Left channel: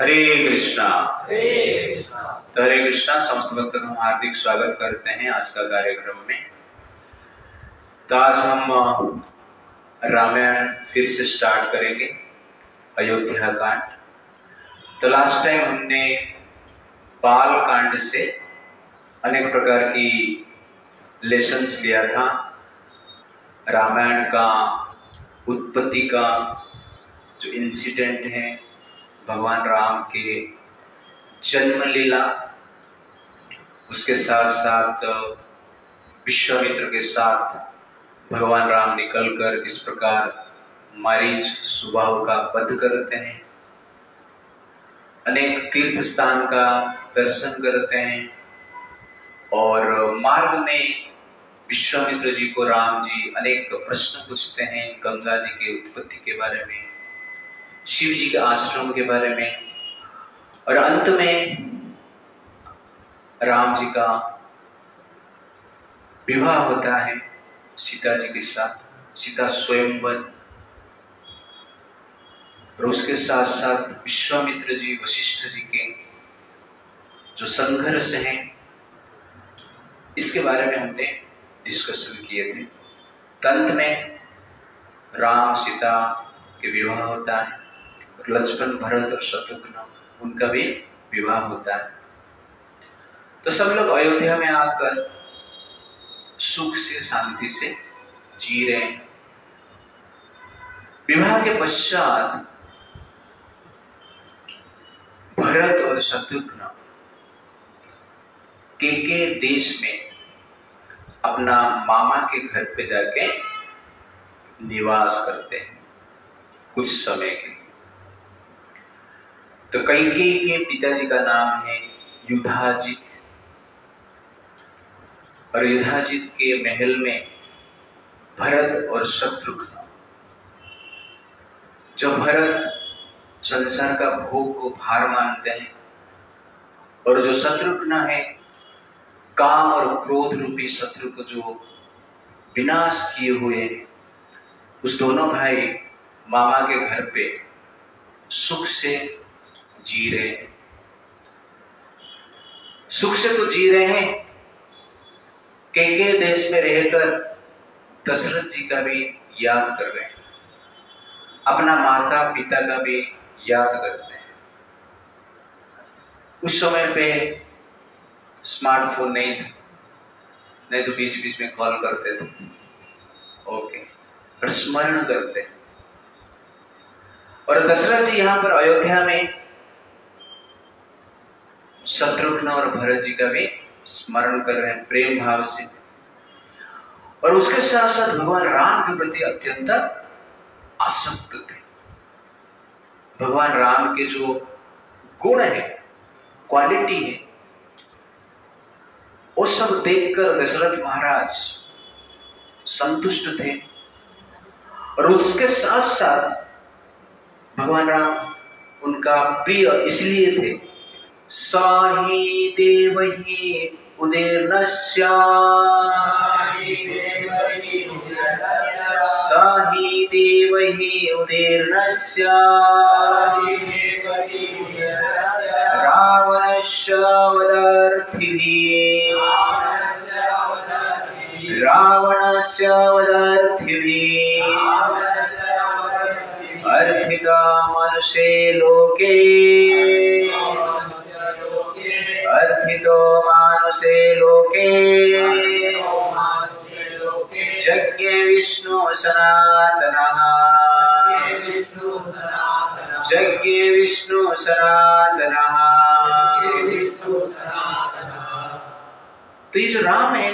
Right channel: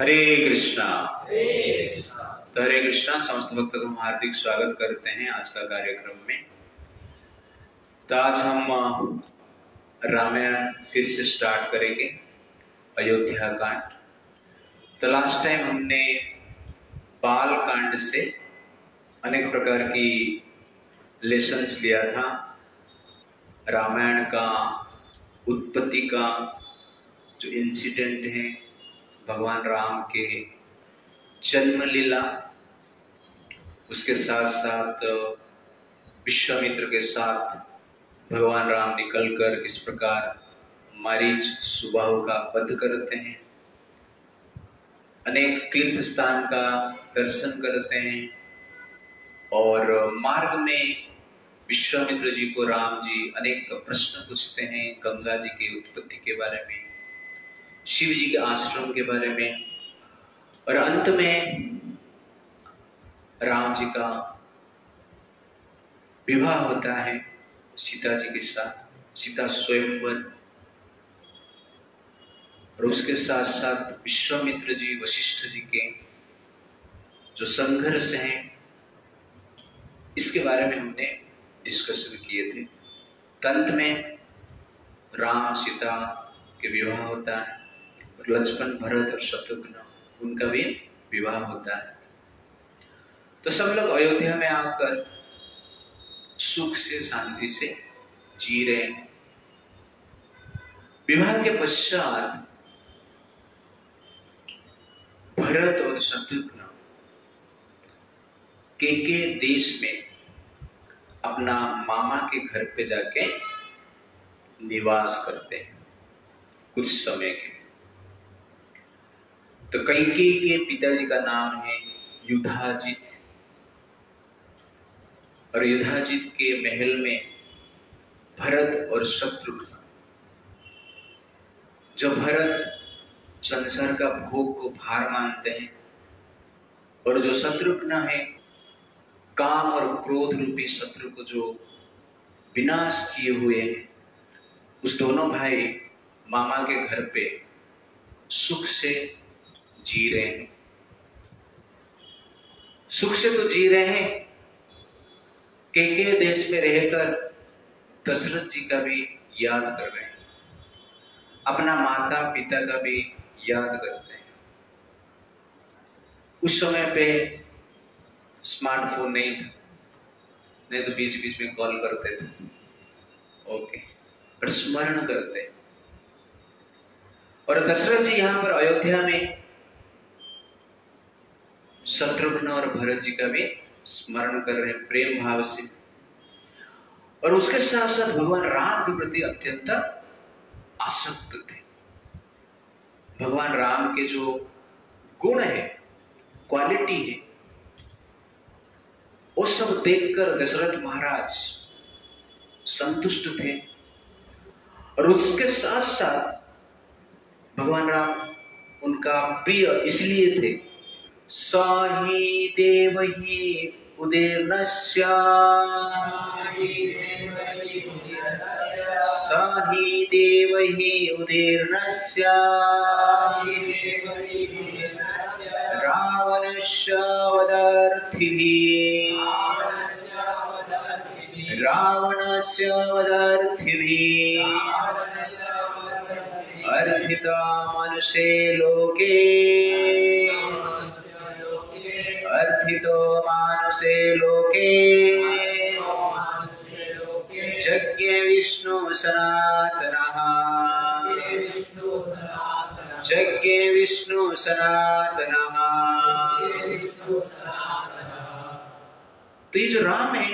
हरे कृष्णा। तो हरे कृष्णा समस्त भक्तों का हम हार्दिक स्वागत करते हैं आज का कार्यक्रम में। तो आज हम रामायण फिर से स्टार्ट करेंगे, अयोध्या कांड। तो लास्ट टाइम हमने बाल कांड से अनेक प्रकार की लेसन्स लिया था। रामायण का उत्पत्ति का जो इंसिडेंट है, भगवान राम के जन्म लीला, उसके साथ साथ विश्वामित्र के साथ भगवान राम निकलकर किस प्रकार मारीच सुबाहु का वध करते हैं, अनेक तीर्थ स्थान का दर्शन करते हैं और मार्ग में विश्वामित्र जी को राम जी अनेक प्रश्न पूछते हैं गंगा जी की उत्पत्ति के बारे में, शिव जी के आश्रम के बारे में, और अंत में राम जी का विवाह होता है सीता जी के साथ, सीता स्वयंवर। और उसके साथ साथ विश्वामित्र जी वशिष्ठ जी के जो संघर्ष है, इसके बारे में हमने डिस्कशन किए थे। अंत में राम सीता के विवाह होता है और लक्ष्मण भरत और शत्रुघ्न उनका भी विवाह होता है। तो सब लोग अयोध्या में आकर सुख से शांति से जी रहे हैं। विवाह के पश्चात भरत और शत्रुघ्न के देश में अपना मामा के घर पे जाके निवास करते हैं कुछ समय के लिए। तो कैकेयी के पिताजी का नाम है युधाजित, और युधाजित के महल में भरत और शत्रुघ्न, जो भरत संसार का भोग को भार मानते हैं और जो शत्रुघ्न है काम और क्रोध रूपी शत्रु को जो विनाश किए हुए हैं, उस दोनों भाई मामा के घर पे सुख से जी रहे हैं। सुख से तो जी रहे हैं, के देश में रहकर दशरथ जी का भी याद कर रहे हैं, अपना माता पिता का भी याद करते हैं। उस समय पे स्मार्टफोन नहीं था, नहीं तो बीच बीच में कॉल करते थे, ओके, और स्मरण करते हैं। और दशरथ जी यहाँ पर अयोध्या में शत्रुघ्न और भरत जी का भी स्मरण कर रहे हैं प्रेम भाव से, और उसके साथ साथ भगवान राम के प्रति अत्यंत आसक्त थे। भगवान राम के जो गुण है, क्वालिटी है, वो सब देखकर दशरथ महाराज संतुष्ट थे। और उसके साथ साथ भगवान राम उनका प्रिय इसलिए थे, साहि देवहि उदीर्णस्य, साहि देवहि उदीर्णस्य रावणस्य वधार्थिभिः, रावणस्य वधार्थिभिः अर्थिता मनुष्ये लोके, अर्थितो मानुषे लोके यज्ञे विष्णु सनातनः, यज्ञे विष्णु सनातनः। तो ये जो राम है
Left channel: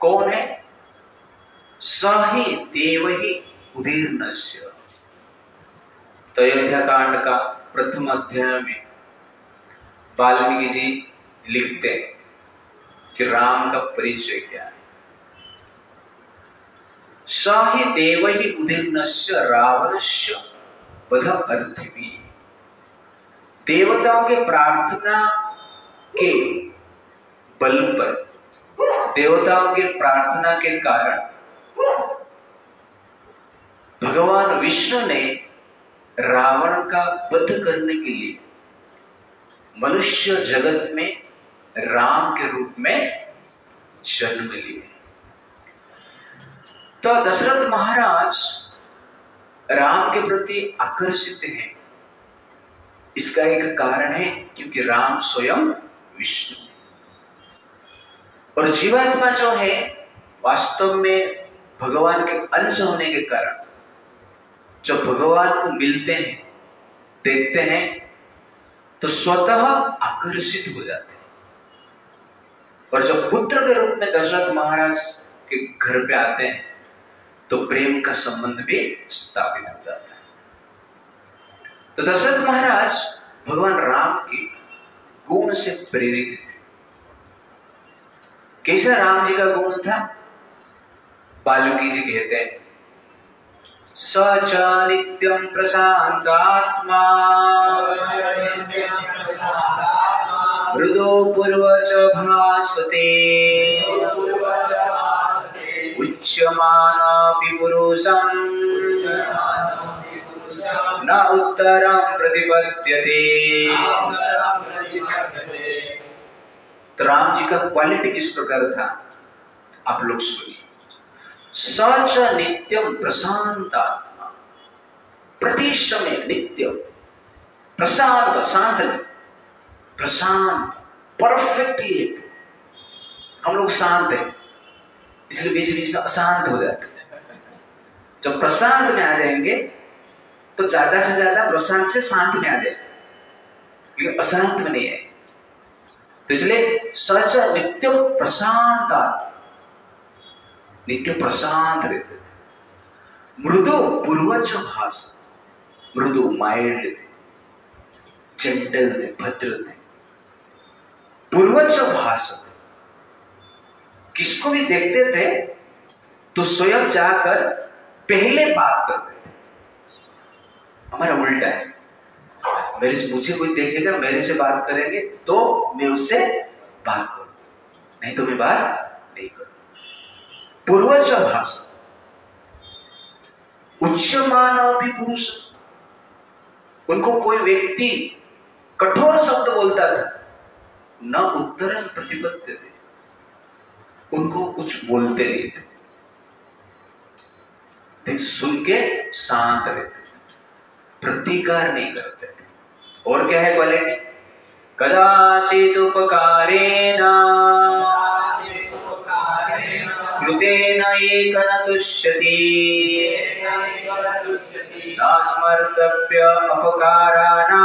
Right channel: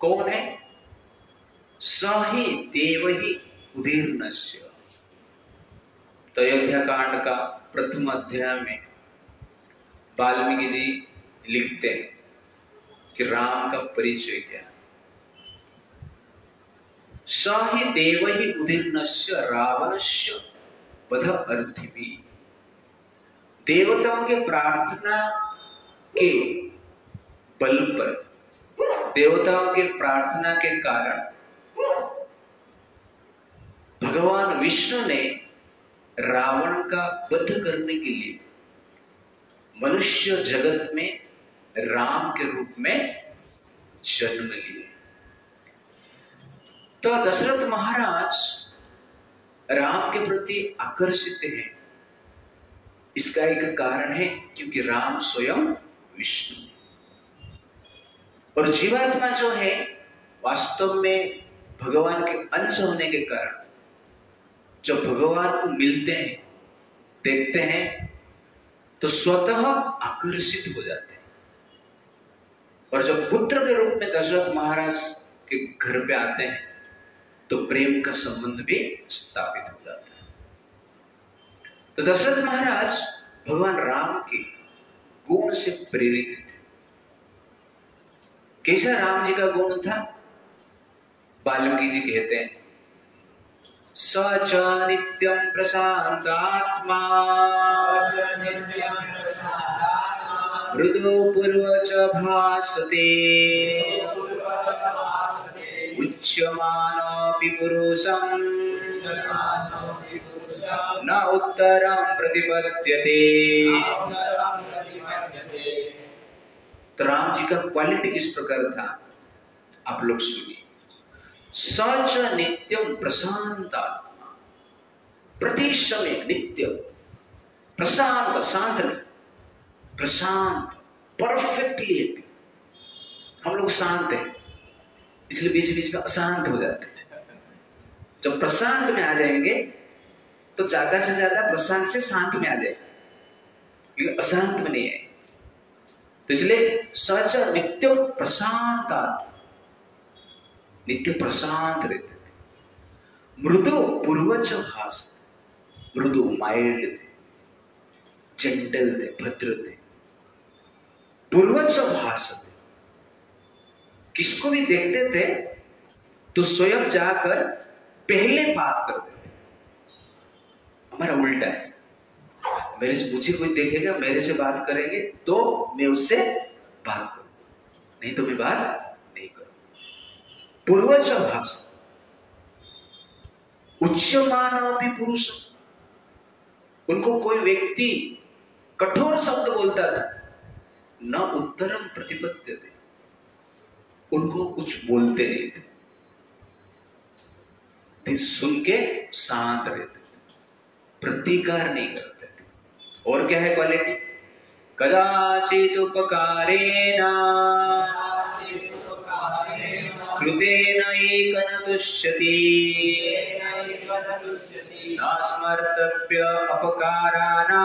कौन है? सहि देवहि उदीर्णस्य। तो अयोध्या कांड का प्रथम अध्याय में वाल्मीकि जी लिखते हैं कि राम का परिचय क्या है। साहि देवहि उदीर्णस्य रावणस्य वध अर्थिभिः। देवताओं के प्रार्थना के बल पर, देवताओं के प्रार्थना के कारण भगवान विष्णु ने रावण का वध करने के लिए मनुष्य जगत में राम के रूप में जन्म लिए। तो दशरथ महाराज राम के प्रति आकर्षित हैं। इसका एक कारण है क्योंकि राम स्वयं विष्णु है और जीवात्मा जो है वास्तव में भगवान के अंश होने के कारण जब भगवान को मिलते हैं, देखते हैं, तो स्वतः आकर्षित हो जाते हैं। और जब पुत्र के रूप में दशरथ महाराज के घर पे आते हैं तो प्रेम का संबंध भी स्थापित हो जाता है। तो दशरथ महाराज भगवान राम के गुण से प्रेरित थे। कैसा राम जी का गुण था? वाल्मीकि जी कहते हैं, स च नित्यं प्रशांतात्मा मृदो पूर्वच भासते उच्यमानोऽपि पुरुषं न उत्तरं प्रतिपद्यते। तो राम जी का क्वालिटी किस प्रकार था आप लोग सुनिए। सच नित्यम प्रशांतात्मा, प्रति समय नित्य प्रशांत, शांत, प्रशांत, परफेक्टली। हम लोग शांत हैं इसलिए बीच बीच में अशांत हो जाते हैं। जब प्रशांत में आ जाएंगे तो ज्यादा से ज्यादा प्रशांत से शांत में आ जाएंगे, लेकिन अशांत में नहीं है। तो इसलिए सच नित्य प्रशांत, नित्य प्रशांत रहते थे। मृदु पूर्वज भाष, मृदु माइल्ड थे, जेंटल थे, भद्र थे। पूर्वज भाष थे, किसको भी देखते थे तो स्वयं जाकर पहले बात करते थे। हमारा उल्टा है, मुझे कोई देखेगा, मेरे से बात करेंगे तो मैं उससे बात करूं, नहीं तो मैं बात नहीं करूं। पूर्वज भाषा, उच्चमान भी पुरुष, उनको कोई व्यक्ति कठोर शब्द बोलता था न उत्तरम प्रतिपत्ति थे, उनको कुछ बोलते नहीं थे, सुन के शांत रहते थे, प्रतिकार नहीं करते थे। और क्या है क्वालिटी? कदाचित उपकारेण कृतेन एक न तुष्यति नास्मर्तव्य अपकाराणां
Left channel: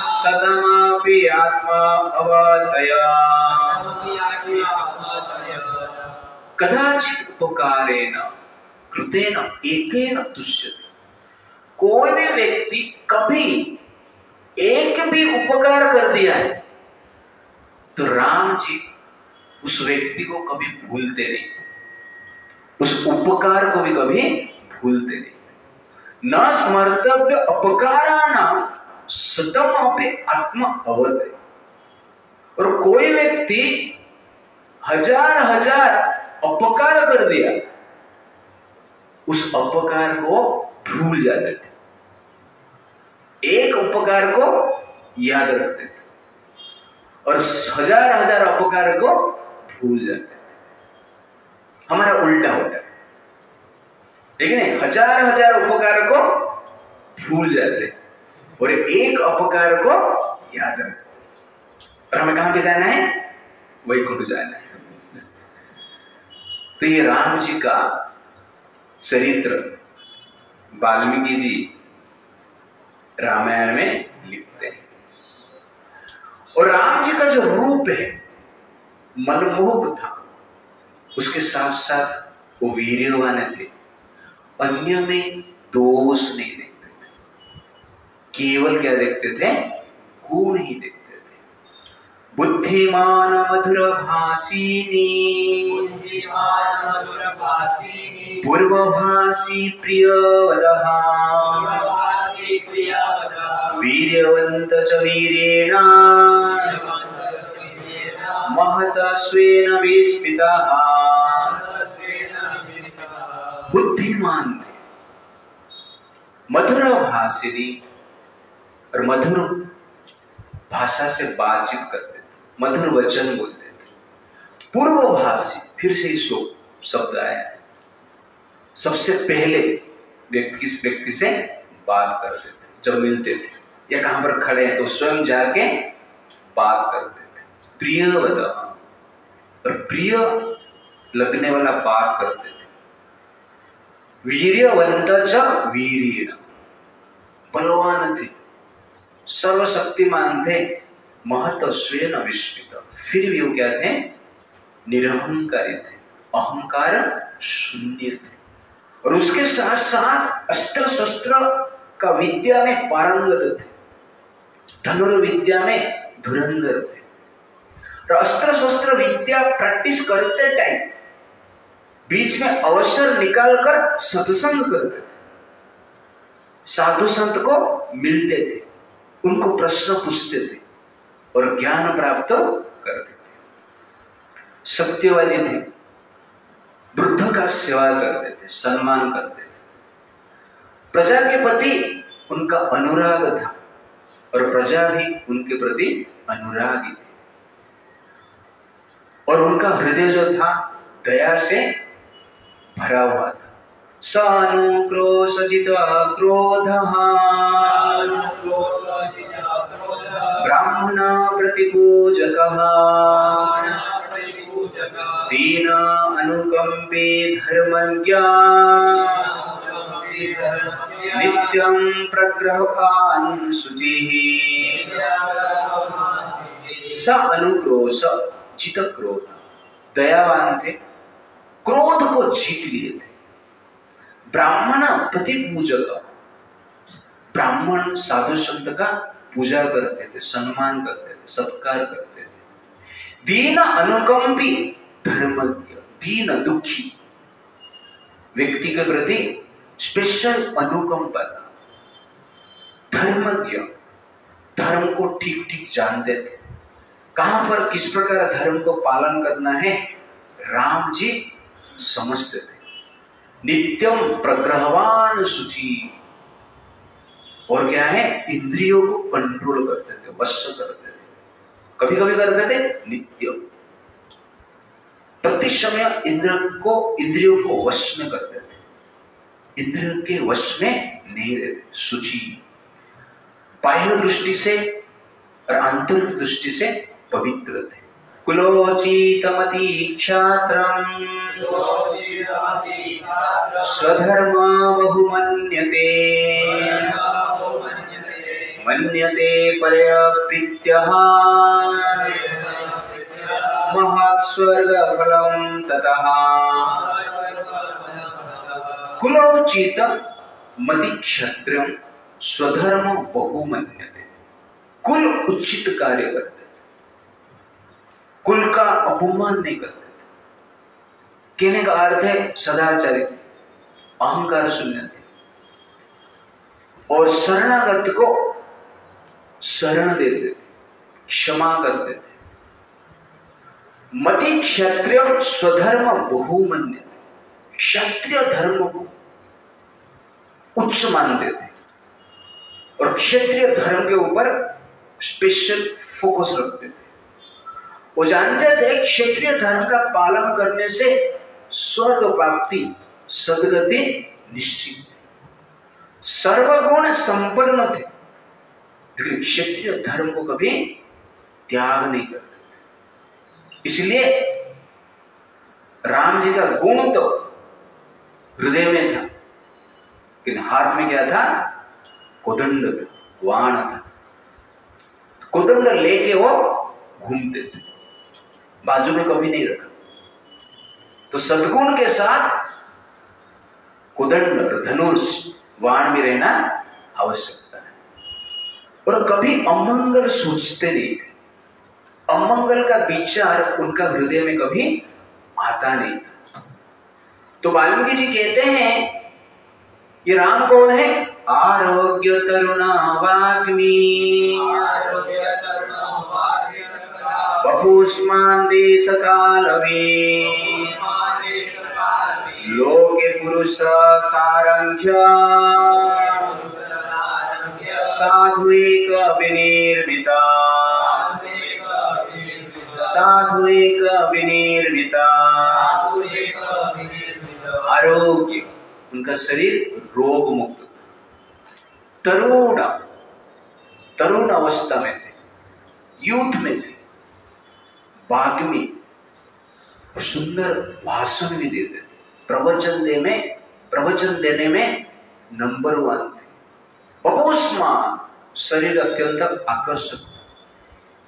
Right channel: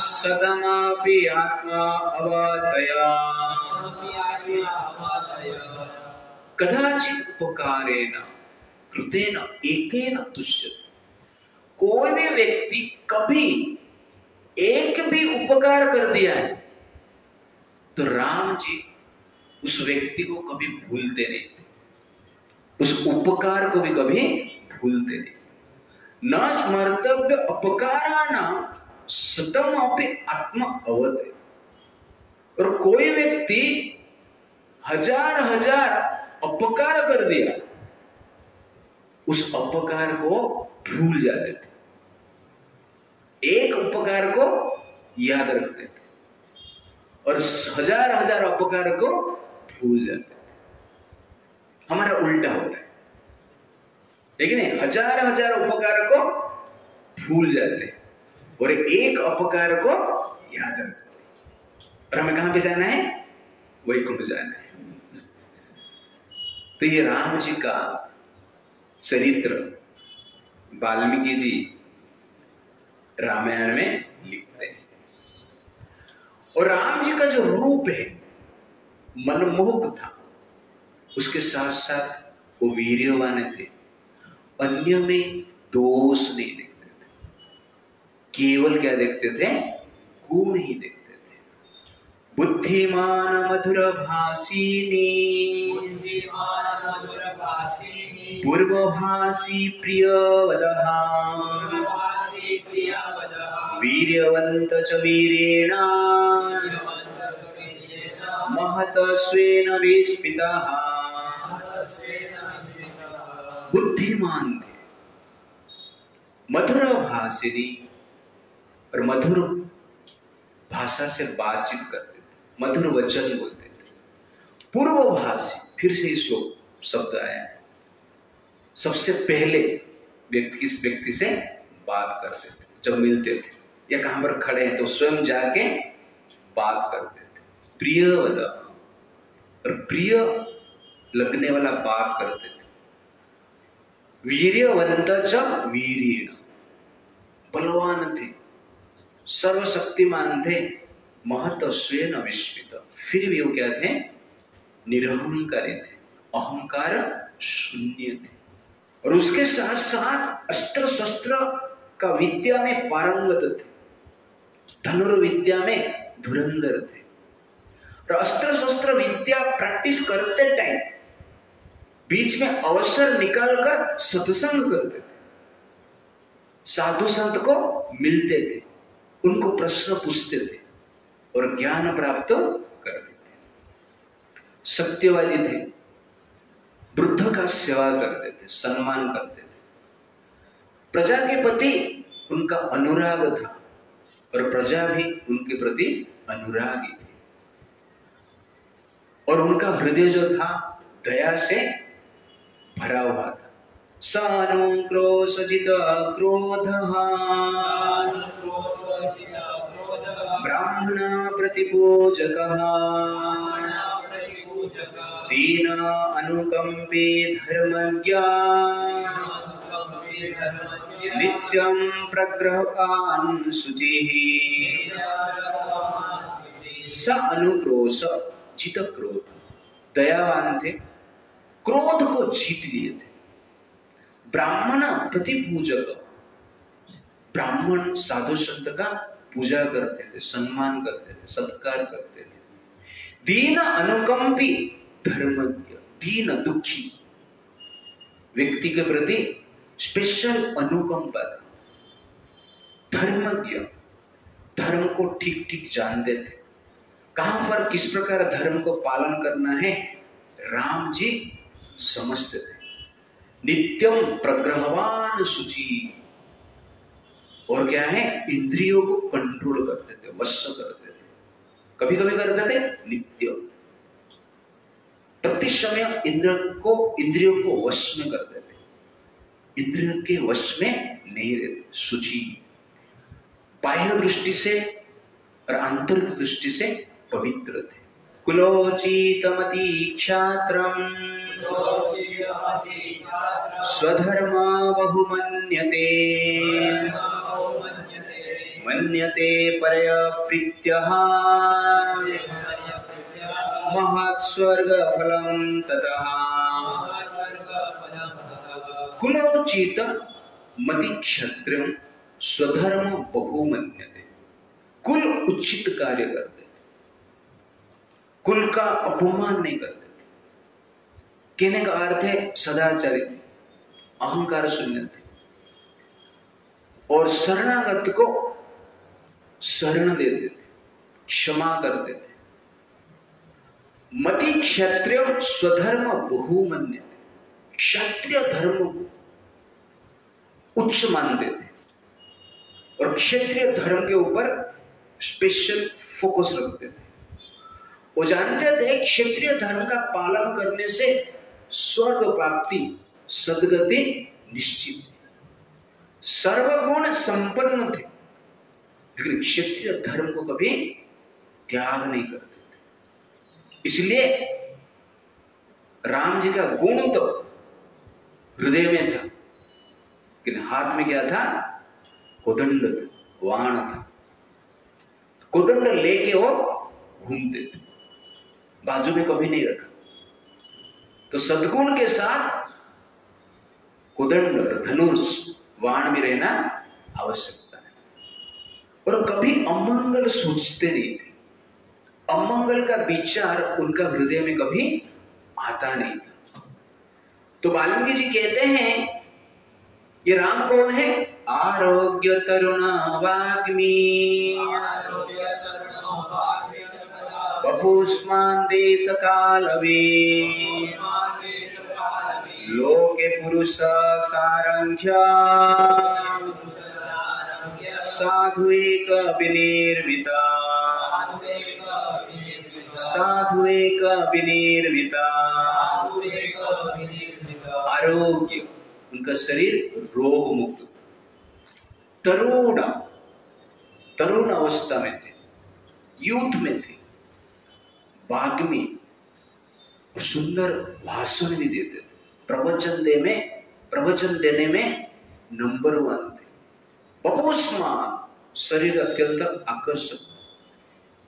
शतमपि आत्मा अवतया। कदाचित उपकारेण कृतेन एकेन तुष्यति, कोई भी व्यक्ति कभी एक भी उपकार कर दिया है तो राम जी उस व्यक्ति को कभी भूलते नहीं, उस उपकार को भी कभी भूलते नहीं। न स्मर्तव्य अपकाराणां शतमपि आत्मा अवतया। और कोई व्यक्ति हजार हजार अपकार कर दिया, उस अपकार को भूल जाते थे, एक उपकार को याद रखते थे और हजार हजार अपकार को भूल जाते थे। हमारा उल्टा होता है, लेकिन हजार हजार उपकार को भूल जाते और एक अपकार को याद रखते। और हमें कहां पे जाना है? वैकुंठ जाना है। तो ये राम जी का चरित्र वाल्मीकि जी रामायण में लिखते हैं। और राम जी का जो रूप है मनमोहक था, उसके साथ साथ वो वीर्यवान थे, अन्य में दोष नहीं देखते थे, केवल क्या देखते थे? गुण ही देखते थे। बुद्धिमान मधुर भाषिणी पूर्वभाषी प्रियवदः वीर्यवन्त च वीरेण महतस्वेन विस्मितः। बुद्धिमान थे, मधुर भाषिणी, और मधुर भाषा से बातचीत करते थे, मधुर वचन बोलते थे। पूर्वभाषी, फिर से श्लोक शब्द आया, सबसे पहले व्यक्ति से बात करते थे जब मिलते थे या कहां पर खड़े हैं तो स्वयं जाके बात करते थे। प्रिय वद, और प्रिय लगने वाला बात करते थे। वीर्यवंत च वीर्येण, बलवान थे, सर्वशक्तिमान थे, महत्त्वेन विस्मित, फिर भी वो क्या थे? निरहंकारी थे, अहंकार शून्य थे। और उसके साथ साथ अस्त्र शस्त्र का विद्या में पारंगत थे, धनुर्विद्या में धुरंधर थे। और अस्त्र शस्त्र विद्या प्रैक्टिस करते टाइम बीच में अवसर निकालकर सत्संग करते थे, साधु संत को मिलते थे, उनको प्रश्न पूछते थे और ज्ञान प्राप्त करते थे। सत्यवादी थे, वृद्ध का सेवा करते थे, सम्मान करते थे। प्रजा के प्रति उनका अनुराग था और प्रजा भी उनके प्रति अनुरागी थी। और उनका हृदय जो था दया से भरा हुआ था। सानुक्रोशजित क्रोधः ब्राह्मण प्रतिपूजकः दीन अनुकंपी धर्मज्ञ नित्यं प्रग्रहवान् शुचिः। स अनुक्रोश जित क्रोध, दयावान थे, क्रोध को जीत लिए थे। ब्राह्मण प्रतिपूजक, ब्राह्मण साधु संत का पूजा करते थे, सम्मान करते थे, सत्कार करते थे। दीन अनुकंपी धर्मज्ञ, दीन दुखी व्यक्ति के प्रति स्पेशल अनुकंपा था। धर्मज्ञ, धर्म को ठीक ठीक जानते थे, कहां पर किस प्रकार धर्म को पालन करना है राम जी समझते थे। नित्यम प्रग्रहवान शुचि, और क्या है? इंद्रियों को कंट्रोल करते थे, वश करते थे। कभी कभी करते थे नित्य, प्रति समय इंद्रियों को वश में करते थे, इंद्रियों के वश में नहीं रहते। शुचि, बाह्य दृष्टि से और आंतरिक दृष्टि से पवित्र थे। कुलोचितमति क्षात्रम् स्वधर्म बहुमन्यते मन्यते परप्रीत्यः महत्स्वर्गफलं ततः। कुलोचित मति क्षत्रियं स्वधर्म बहुमन्यते, कुल उचित कार्य करते थे, कुल का अपमान नहीं करते थे। कहने का अर्थ है सदाचारी थे, अहंकार शून्य थे, और शरणागत को शरण देते थे, क्षमा करते थे। मति क्षत्रिय स्वधर्म बहुमन्यते, क्षत्रिय धर्म को उच्च मानते थे और क्षत्रिय धर्म के ऊपर स्पेशल फोकस रखते थे। वो जानते थे क्षत्रिय धर्म का पालन करने से स्वर्ग प्राप्ति, सद्गति निश्चित। सर्वगुण संपन्न थे, लेकिन क्षत्रिय धर्म को कभी त्याग नहीं करते थे। इसलिए राम जी का गुण तो हृदय में था, लेकिन हाथ में क्या था? कोदंड था, वाण था। कोदंड लेके वो घूमते थे, बाजू में कभी नहीं रखा। तो सद्गुण के साथ कोदंड, धनुष, वाण भी रहना आवश्यकता है। और कभी अमंगल सोचते नहीं थे, अमंगल का विचार उनका हृदय में कभी आता नहीं था। तो वाल्मीकि जी कहते हैं ये राम कौन है? आरोग्य तरुणा वाग्मी वपुष्मान देश कालवे लोके पुरुष सारंख्य साधुएक विनिर्मिता साधुएक विनिर्मिता आरोग्य, उनका शरीर रोग मुक्त, तरुण अवस्था में थे, यूथ में थे, वाग्मी, सुंदर भाषण भी देते थे, प्रवचन देने में नंबर 1 थे, अपोस्मान, शरीर अत्यंत आकर्षक,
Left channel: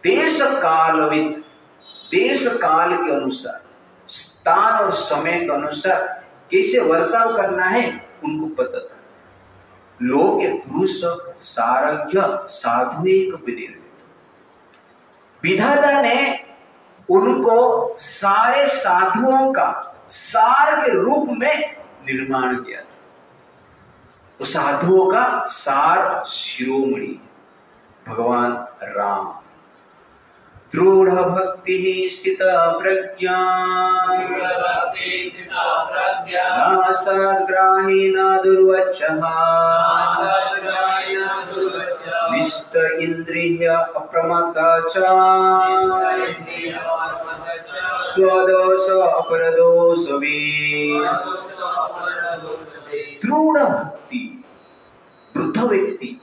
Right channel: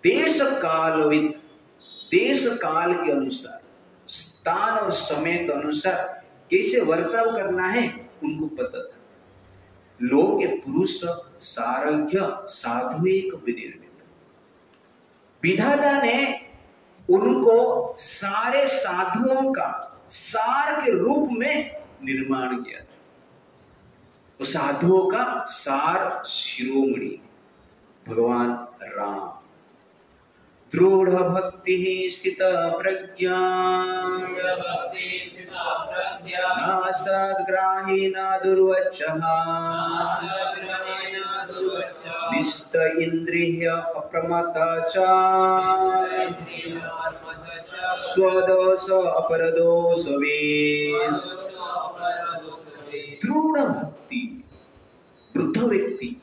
देश काल के अनुसार, स्थान और समय के अनुसार कैसे वर्ताव करना है उनको पता था। लोग के पुरुष सारज्ञ साधु एक विनिर्मित, विधाता ने उनको सारे साधुओं का सार के रूप में निर्माण किया था। तो साधुओं का सार शिरोमणि भगवान राम, दृढ़ भक्ति स्थिता प्रज्ञा, न सद्ग्राही न दुर्वचः, निष्ठ इंद्रिय अप्रमत्ता च, स्वदोष अपरदोष वेद। दृढ़ भक्ति, वृद्ध व्यक्ति,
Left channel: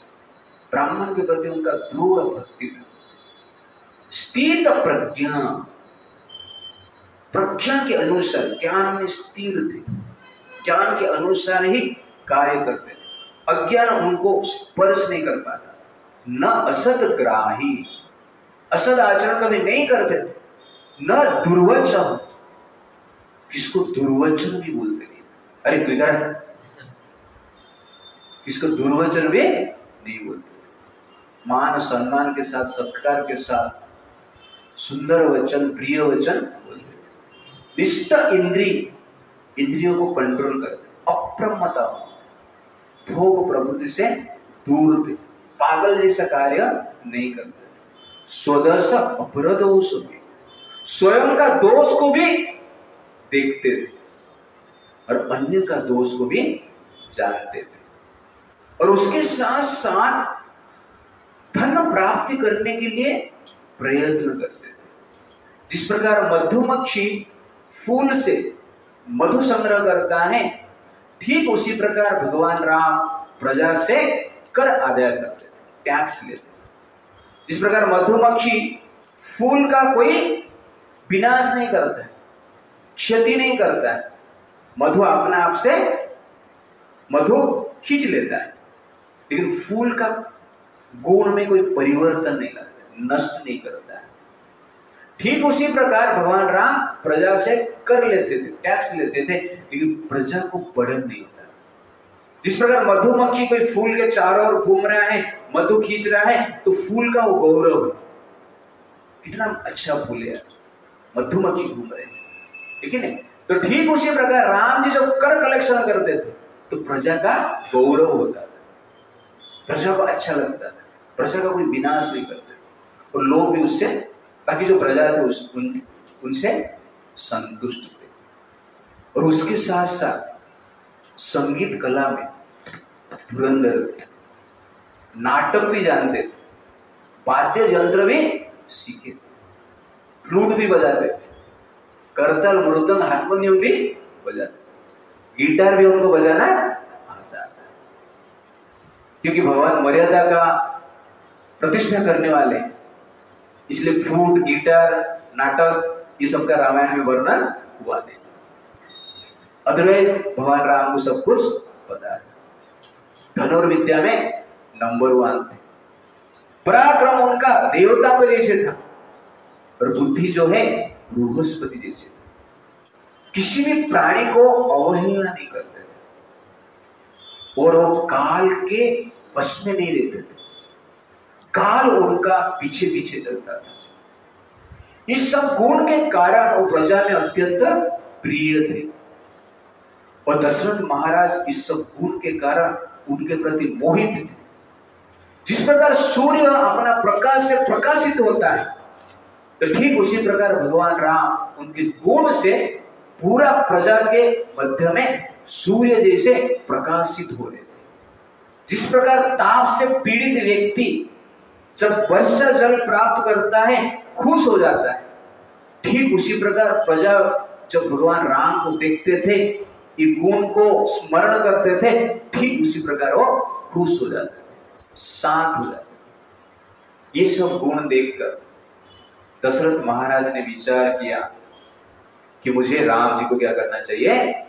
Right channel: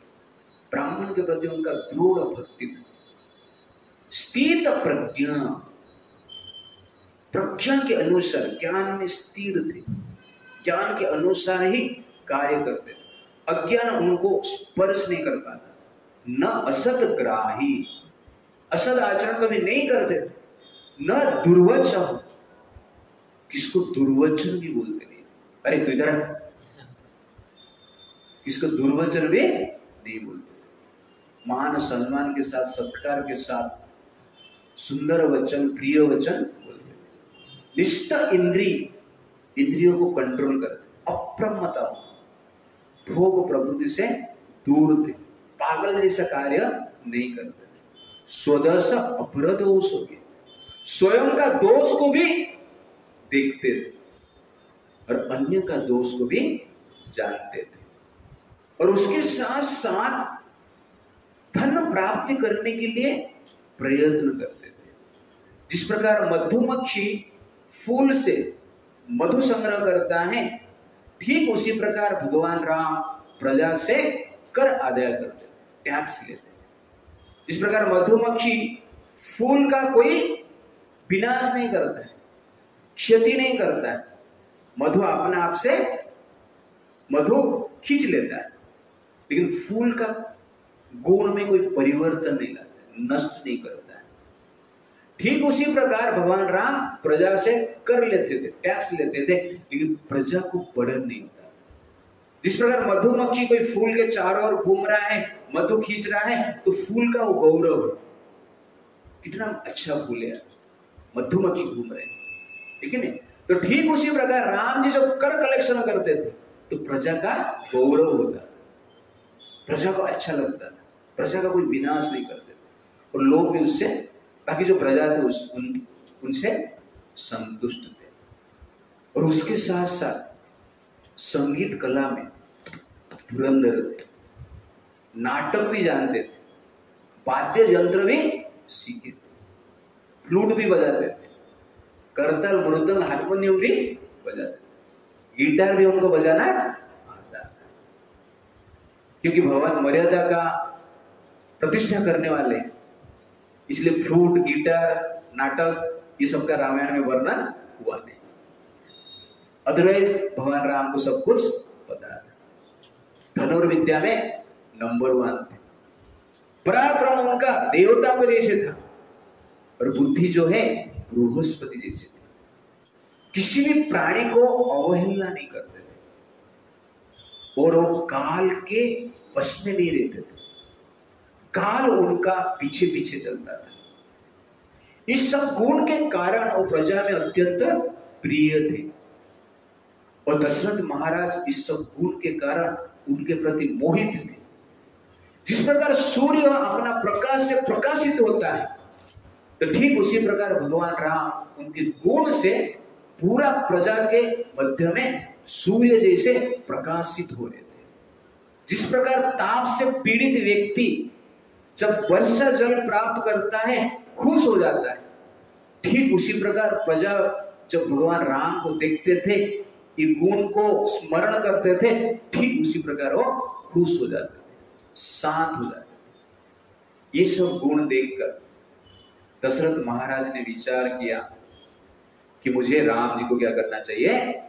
ब्राह्मण के प्रति उनका दृढ़ भक्ति था। स्थित प्रज्ञा, प्रज्ञा के अनुसार ज्ञान में स्थिर थे, ज्ञान के अनुसार ही कार्य करते थे, अज्ञान उनको स्पर्श नहीं कर पाता। न असत ग्राही, असद आचरण कभी नहीं करते थे, न दुर्वचन, किसको दुर्वचन भी बोलते नहीं, अरे किधर, किसको दुर्वचन भी नहीं बोलते, मान सम्मान के साथ, सत्कार के साथ सुंदर वचन, प्रिय वचन बोलते, निष्ठ इंद्रियों को कंट्रोल करते, अप्रमत्ता, भोग प्रवृत्ति से दूर थे, पागल जैसा कार्य नहीं करते, स्वदोष अपरदोष, स्वयं का दोष को भी देखते थे और अन्य का दोष को भी जानते थे, और उसके साथ साथ धन प्राप्ति करने के लिए प्रयत्न करते थे। जिस प्रकार मधुमक्खी फूल से मधु संग्रह करता है, ठीक उसी प्रकार भगवान राम प्रजा से कर आदाय करते थे, टैक्स लेते। जिस प्रकार मधुमक्खी फूल का कोई विनाश नहीं करता है, क्षति नहीं करता है, मधु अपने आप से मधु खींच लेता है, लेकिन फूल का गुण में कोई परिवर्तन नहीं लाता, नष्ट नहीं करता है। ठीक उसी प्रकार भगवान राम प्रजा से कर लेते थे, टैक्स लेते थे, लेकिन प्रजा को बर्डन नहीं था। जिस प्रकार मधुमक्खी कोई फूल के चारों ओर घूम रहा है, मधु खींच रहा है, तो फूल का वो गौरव है, कितना अच्छा फूल है, मधुमक्खी घूम रहे हैं, ठीक है ना। तो ठीक उसी प्रकार राम जी जो कर कलेक्शन करते थे, तो प्रजा का गौरव होता था, प्रजा को अच्छा लगता था, प्रजा का कोई विनाश नहीं करते, और लोग भी उससे, बाकी जो प्रजा थे उनसे संतुष्ट थे। और उसके साथ साथ संगीत कला में धुरंधर थे, नाटक भी जानते थे, वाद्य यंत्र भी सीखे थे, फ्लूट भी बजाते थे, करताल, मृदंग, हारमोनियम भी बजाते, गिटार भी उनको बजाना आता था, क्योंकि भगवान मर्यादा का प्रतिष्ठा करने वाले, इसलिए फ्लूट, गिटार, नाटक, ये सब का रामायण में वर्णन हुआ नहीं। अदरवाइज भगवान राम को सब कुछ पता है। धनुर्विद्या में नंबर 1 थे, पराक्रम उनका देवता के जैसे था, और बुद्धि जो है बृहस्पति जैसे था, किसी भी प्राणी को अवहेलना नहीं करते थे, और वो काल के वश में नहीं रहते थे, काल उनका पीछे पीछे चलता था। इस सब गुण के कारण वो प्रजा में अत्यंत प्रिय थे, और दशरथ महाराज इस सब गुण के कारण उनके प्रति मोहित थे। जिस प्रकार सूर्य अपना प्रकाश से प्रकाशित होता है, तो ठीक उसी प्रकार भगवान राम उनके गुण से पूरा प्रजा के मध्य में सूर्य जैसे प्रकाशित हो रहे थे। जिस प्रकार ताप से पीड़ित व्यक्ति जब वर्षा जल प्राप्त करता है खुश हो जाता है, ठीक उसी प्रकार प्रजा जब भगवान राम को देखते थे, ये गुण को स्मरण करते थे, ठीक उसी प्रकार वो खुश हो जाते थे, शांत हो जाते थे। ये सब गुण देखकर दशरथ महाराज ने विचार किया कि मुझे राम जी को क्या करना चाहिए,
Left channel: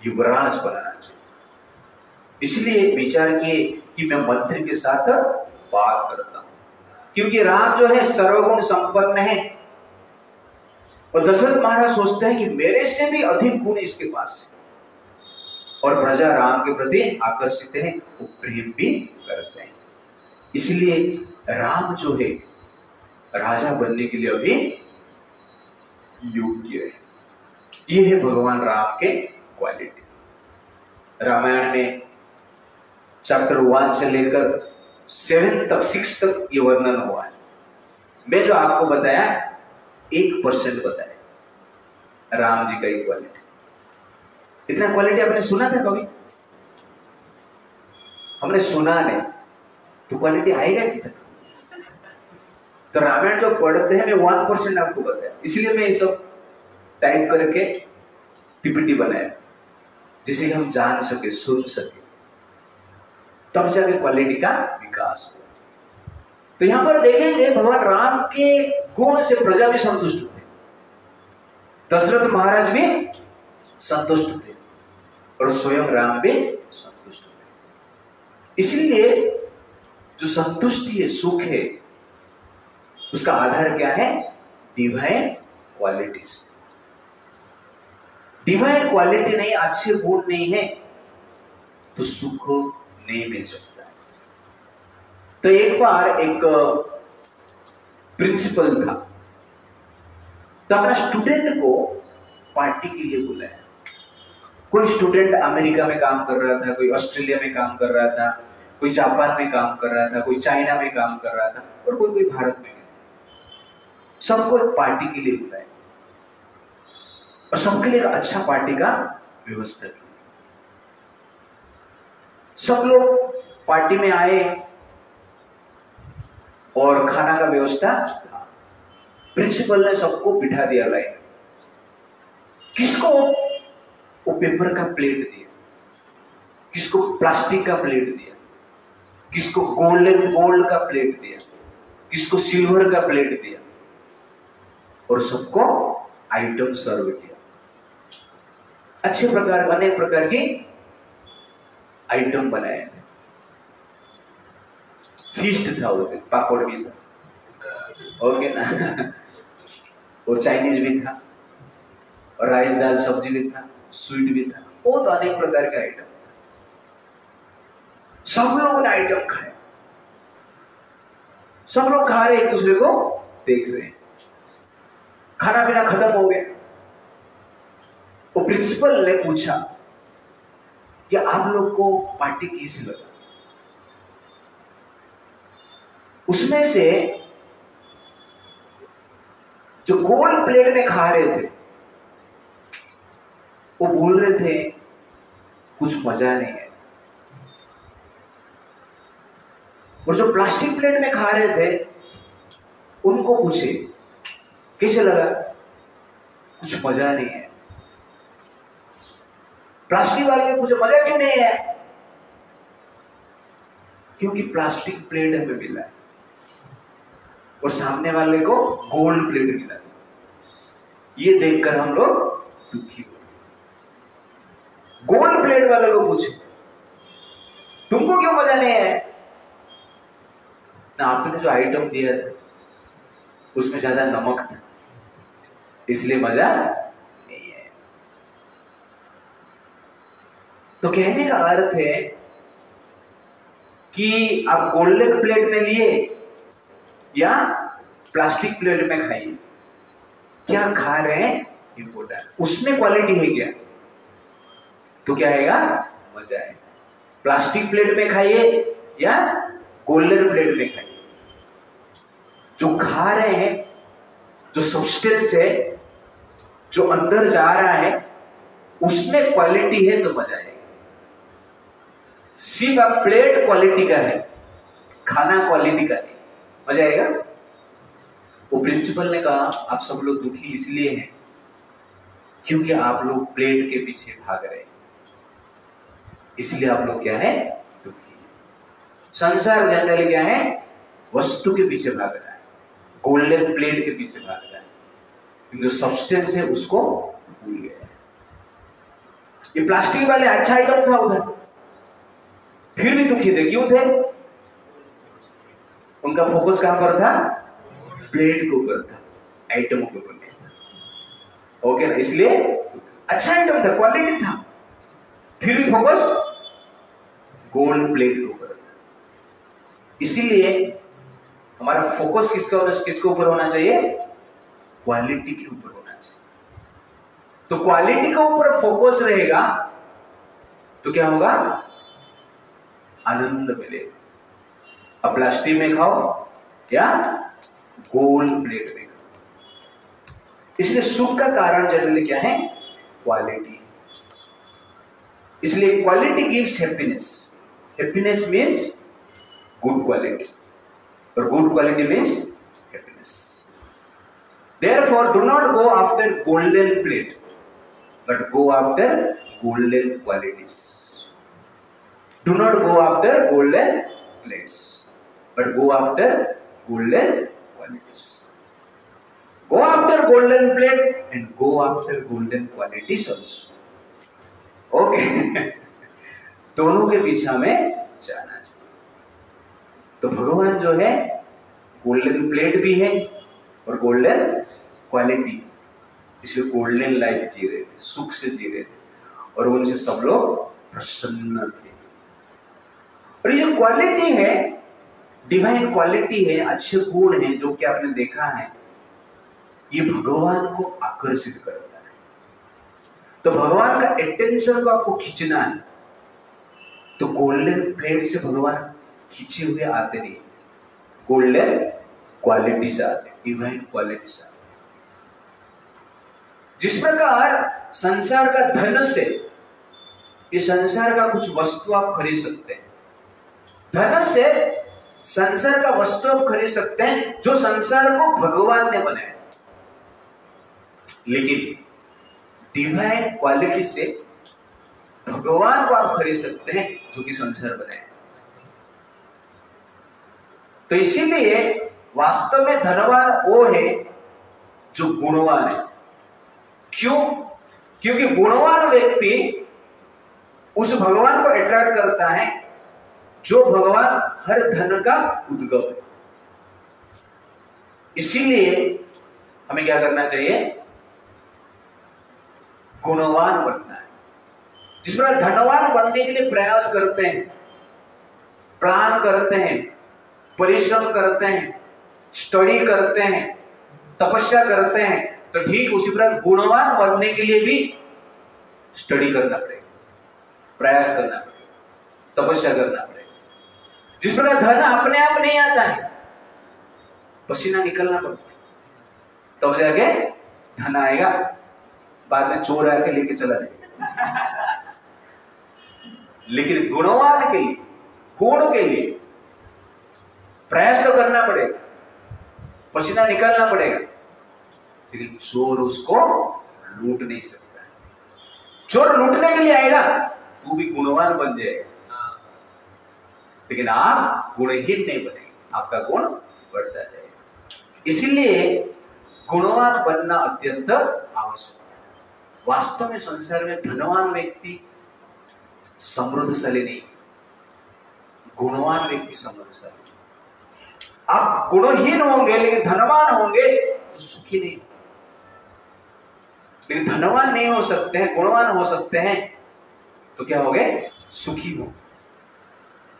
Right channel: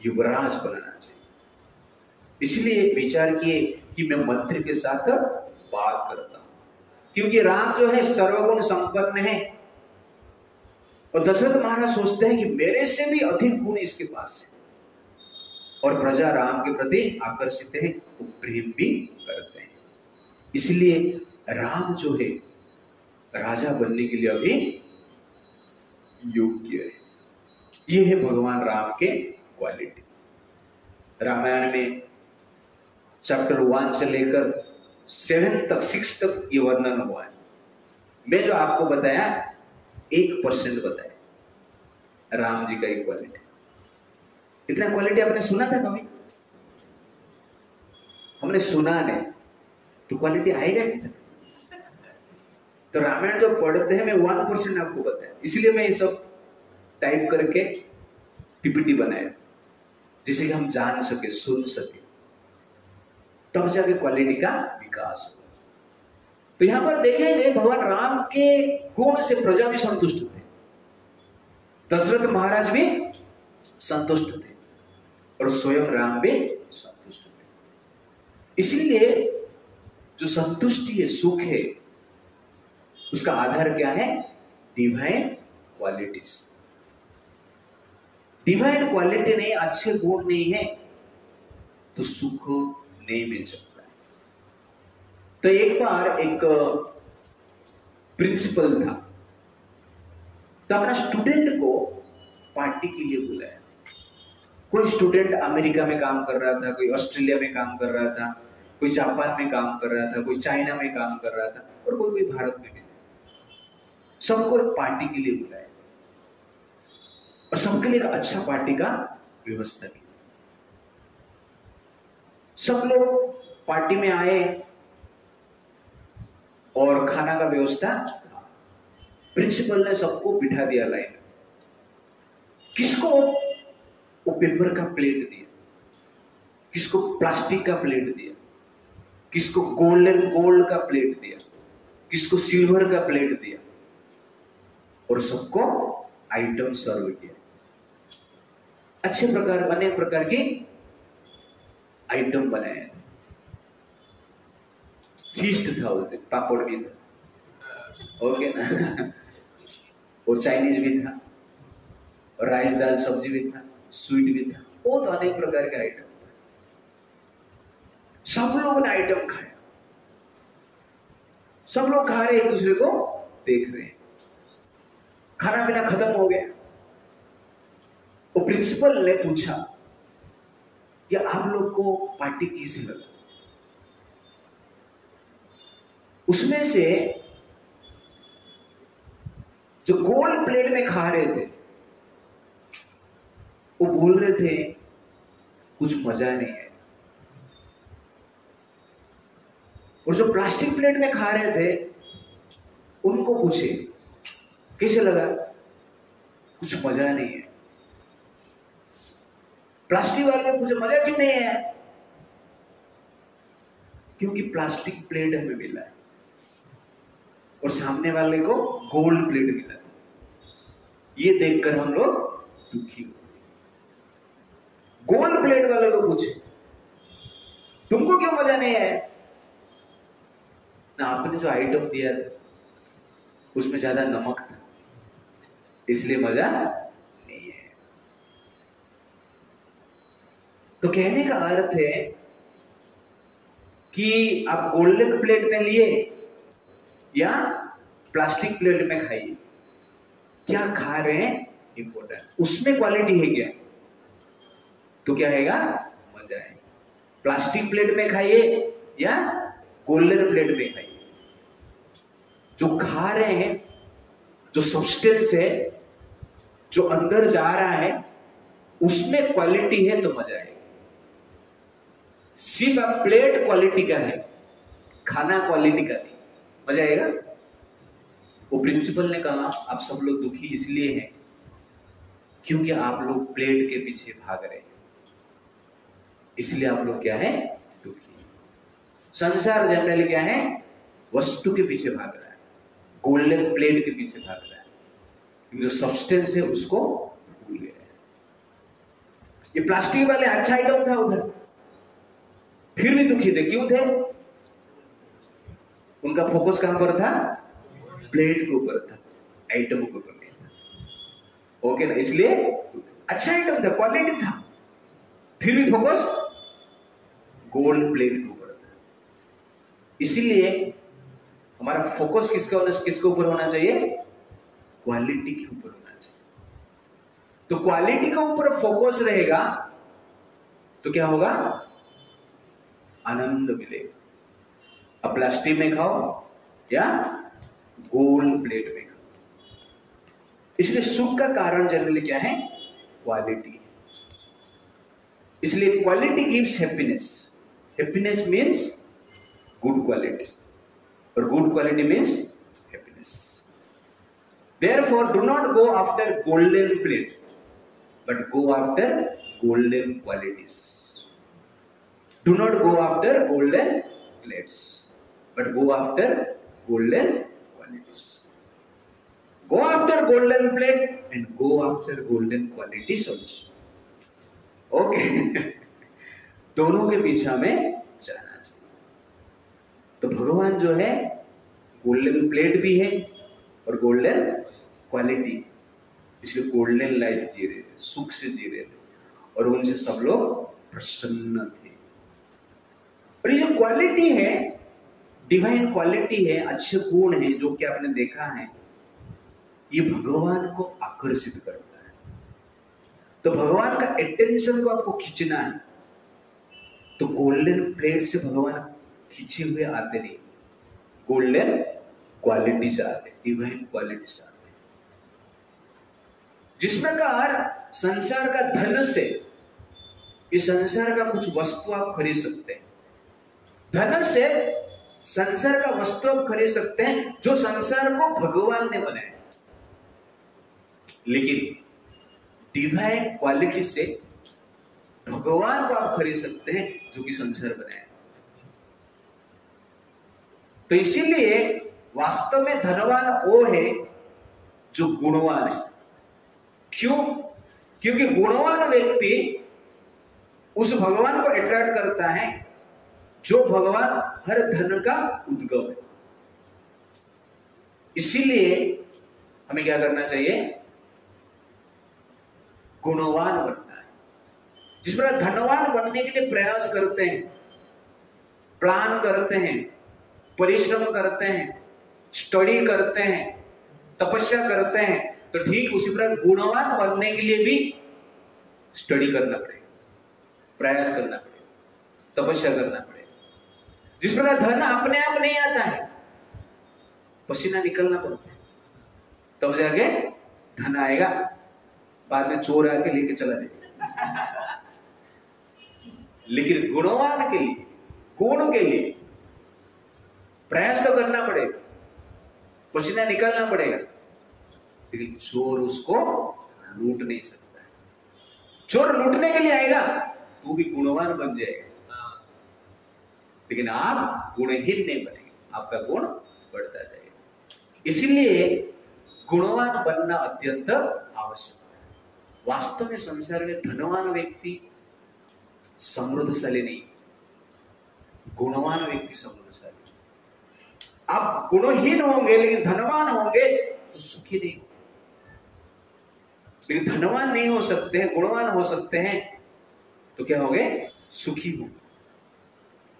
युवराज बनाना चाहिए। इसलिए विचार किए कि मैं मंत्री के साथ बात करता हूं, क्योंकि राम जो है सर्वगुण संपन्न है और दशरथ महाराज सोचते हैं कि मेरे से भी अधिक गुण इसके पास है, और प्रजा राम के प्रति आकर्षित है, वो प्रेम भी करते हैं। इसलिए राम जो है राजा बनने के लिए अभी योग्य है। ये है भगवान राम के क्वालिटी। रामायण में चैप्टर 1 से लेकर 7 तक 6 तक ये वर्णन हुआ है। मैं जो आपको बताया 1% बताया राम जी का ये क्वालिटी। इतना क्वालिटी आपने सुना था कभी? हमने सुना नहीं, तो क्वालिटी आएगा कितना? तो रामायण जो पढ़ते हैं मैं 1% आपको बताया, इसलिए मैं ये सब टाइप करके पीपीटी बनाया, जिसे हम जान सके, सुन सके, तब जाके क्वालिटी का विकास हो। तो यहां पर देखेंगे भगवान राम के गुण से प्रजा भी संतुष्ट थे, दशरथ महाराज भी संतुष्ट थे और स्वयं राम भी संतुष्ट थे। इसलिए जो संतुष्टि है, सुख है, उसका आधार क्या है? Divine qualities. डिवाइन क्वालिटी नहीं, अच्छे गुण नहीं है तो सुख नहीं मिल सकता है। तो एक बार एक प्रिंसिपल था, तो अपना स्टूडेंट को पार्टी के लिए बुलाया। कोई स्टूडेंट अमेरिका में काम कर रहा था, कोई ऑस्ट्रेलिया में काम कर रहा था, कोई जापान में काम कर रहा था, कोई चाइना में काम कर रहा था और कोई भारत में। सबको पार्टी के लिए बुलाया और सबके लिए अच्छा पार्टी का व्यवस्था की। सब लोग पार्टी में आए और खाना का व्यवस्था था। प्रिंसिपल ने सबको बिठा दिया लाइन। किसको वो पेपर का प्लेट दिया, किसको प्लास्टिक का प्लेट दिया, किसको गोल्ड का प्लेट दिया, किसको सिल्वर का प्लेट दिया, और सबको आइटम सर्व किया। अच्छे प्रकार, अनेक प्रकार की आइटम बनाए थे। फीस्ट था, वो पापड़ भी था, ओके ना, वो चाइनीज भी था, और राइस दाल सब्जी भी था, स्वीट भी था, वो तो अनेक प्रकार के आइटम था। सब लोगों ने आइटम खाया, सब लोग खा रहे, एक दूसरे को देख रहे हैं। खाना पीना खत्म हो गया। वो प्रिंसिपल ने पूछा कि आप लोग को पार्टी कैसी लगा? उसमें से जो गोल्ड प्लेट में खा रहे थे वो बोल रहे थे कुछ मजा नहीं है, और जो प्लास्टिक प्लेट में खा रहे थे उनको पूछे कैसे लगा? कुछ मजा नहीं है। प्लास्टिक वाले ने पूछा मजा क्यों नहीं है? क्योंकि प्लास्टिक प्लेट हमें मिला है और सामने वाले को गोल्ड प्लेट मिला। ये देखकर हम लोग दुखी हुए। गोल्ड प्लेट वाले को पूछे तुमको क्यों मजा नहीं है? ना, आपने जो आइटम दिया था उसमें ज्यादा नमक था, इसलिए मजा नहीं है। तो कहने का अर्थ है कि आप गोल्डन प्लेट में लिए या प्लास्टिक प्लेट में खाइए, क्या खा रहे हैं इंपोर्टेंट। उसमें क्वालिटी है क्या तो क्या आएगा? मजा आएगा। प्लास्टिक प्लेट में खाइए या गोल्डन प्लेट में खाइए, जो खा रहे हैं, जो सब्सटेंस है, जो अंदर जा रहा है, उसमें क्वालिटी है तो मजा आएगा। सिर्फ अब प्लेट क्वालिटी का है, खाना क्वालिटी का नहीं। मजा आएगा। वो प्रिंसिपल ने कहा आप सब लोग दुखी इसलिए हैं क्योंकि आप लोग प्लेट के पीछे भाग रहे हैं, इसलिए आप लोग क्या है, दुखी। संसार जनरली क्या है, वस्तु के पीछे भाग रहा है, गोल्डन प्लेट के पीछे भाग रहा है, जो सब्सटेंस है उसको भूल गया है। ये प्लास्टिक वाले अच्छा आइटम था उधर, फिर भी दुखी थे। क्यों थे? उनका फोकस कहां पर था? प्लेट के ऊपर था, आइटमों के ऊपर नहीं था। ओके ना, इसलिए अच्छा आइटम था, क्वालिटी था, फिर भी फोकस गोल्ड प्लेट के ऊपर था। इसीलिए हमारा फोकस किसके ऊपर होना चाहिए? क्वालिटी के ऊपर होना चाहिए। तो क्वालिटी के ऊपर फोकस रहेगा तो क्या होगा? आनंद मिलेगा। अब प्लास्टिक में खाओ या गोल्ड प्लेट में खाओ। इसलिए सुख का कारण जनरली क्या है? क्वालिटी। इसलिए quality gives happiness. Happiness means good quality, और good quality means happiness. Therefore, do not go after golden plate, but go after golden qualities. Do not go after golden plates, but go after golden qualities. Go after golden plate and go after golden qualities also. Okay? दोनों के पीछे हमें जाना चाहिए। तो भगवान जो है गोल्डन प्लेट भी है और गोल्डन क्वालिटी, इसलिए गोल्डन लाइफ जी रहे थे, सुख से जी रहे थे, और उनसे सब लोग प्रसन्न थे। और ये क्वालिटी है, डिवाइन क्वालिटी है, अच्छे गुण है जो कि आपने देखा है, ये भगवान को आकर्षित करता है। तो भगवान का अटेंशन को आपको खींचना है, तो गोल्डन प्लेट से भगवान खींचे हुए आते नहीं, गोल्डन क्वालिटी से आते, डिवाइन क्वालिटी से आते। जिस प्रकार संसार का धन से, ये संसार का कुछ वस्तु आप खरीद सकते हैं, धन से संसार का वस्तु आप खरीद सकते हैं जो संसार को भगवान ने बनाया, लेकिन डिवाइन क्वालिटी से भगवान को आप खरीद सकते हैं जो कि संसार बनाया। तो इसीलिए वास्तव में धनवान वो है जो गुणवान है। क्यों? क्योंकि गुणवान व्यक्ति उस भगवान को अट्रैक्ट करता है जो भगवान हर धन का उद्गम है। इसीलिए हमें क्या करना चाहिए? गुणवान बनना है। जिस प्रकार धनवान बनने के लिए प्रयास करते हैं, प्लान करते हैं, परिश्रम करते हैं, स्टडी करते हैं, तपस्या करते हैं, तो ठीक उसी प्रकार गुणवान बनने के लिए भी स्टडी करना पड़ेगा, प्रयास करना पड़ेगा, तपस्या करना पड़ेगा। जिस प्रकार धन अपने आप नहीं आता है, पसीना निकलना पड़ता है, तब जाके धन आएगा। बाद में चोर आके लेके चला जाएगा। लेकिन गुणवान के लिए, गुण के लिए प्रयास तो करना पड़ेगा, पसीना निकालना पड़ेगा, लेकिन चोर उसको लूट नहीं सकता। चोर लूटने के लिए आएगा, तू भी गुणवान बन जाएगा, लेकिन आप गुणहीन नहीं बनेंगे, आपका गुण बढ़ता जाएगा। इसीलिए गुणवान बनना अत्यंत आवश्यक है। वास्तव में संसार में धनवान व्यक्ति समृद्धशाली नहीं, गुणवान व्यक्ति समृद्धशाली। आप गुणहीन होंगे लेकिन धनवान होंगे तो सुखी नहीं, लेकिन धनवान नहीं हो सकते हैं, गुणवान हो सकते हैं, तो क्या हो गए? सुखी हो।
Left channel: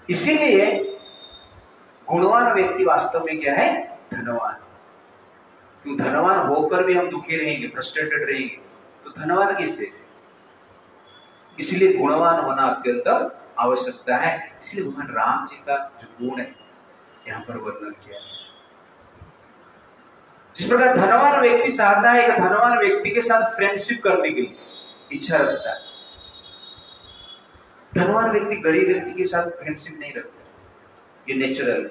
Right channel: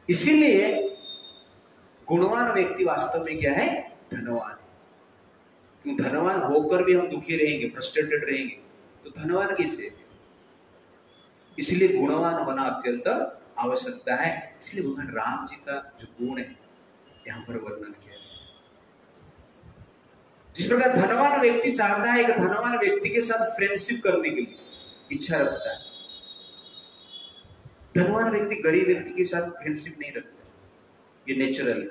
इसीलिए गुणवान व्यक्ति वास्तव में क्या है? धनवान। क्यों? धनवान होकर भी हम दुखी रहेंगे, फ्रस्ट्रेटेड रहेंगे, तो धनवान कैसे? इसलिए गुणवान होना अत्यंत आवश्यकता है। इसलिए भगवान राम जी का जो गुण है यहां पर वर्णन किया है। जिस प्रकार धनवान व्यक्ति चाहता है कि धनवान व्यक्ति के साथ फ्रेंडशिप करने के लिए इच्छा रखता है, धनवान व्यक्ति गरीब व्यक्ति के साथ फ्रेंडशिप नहीं रखता, ये नेचुरल है।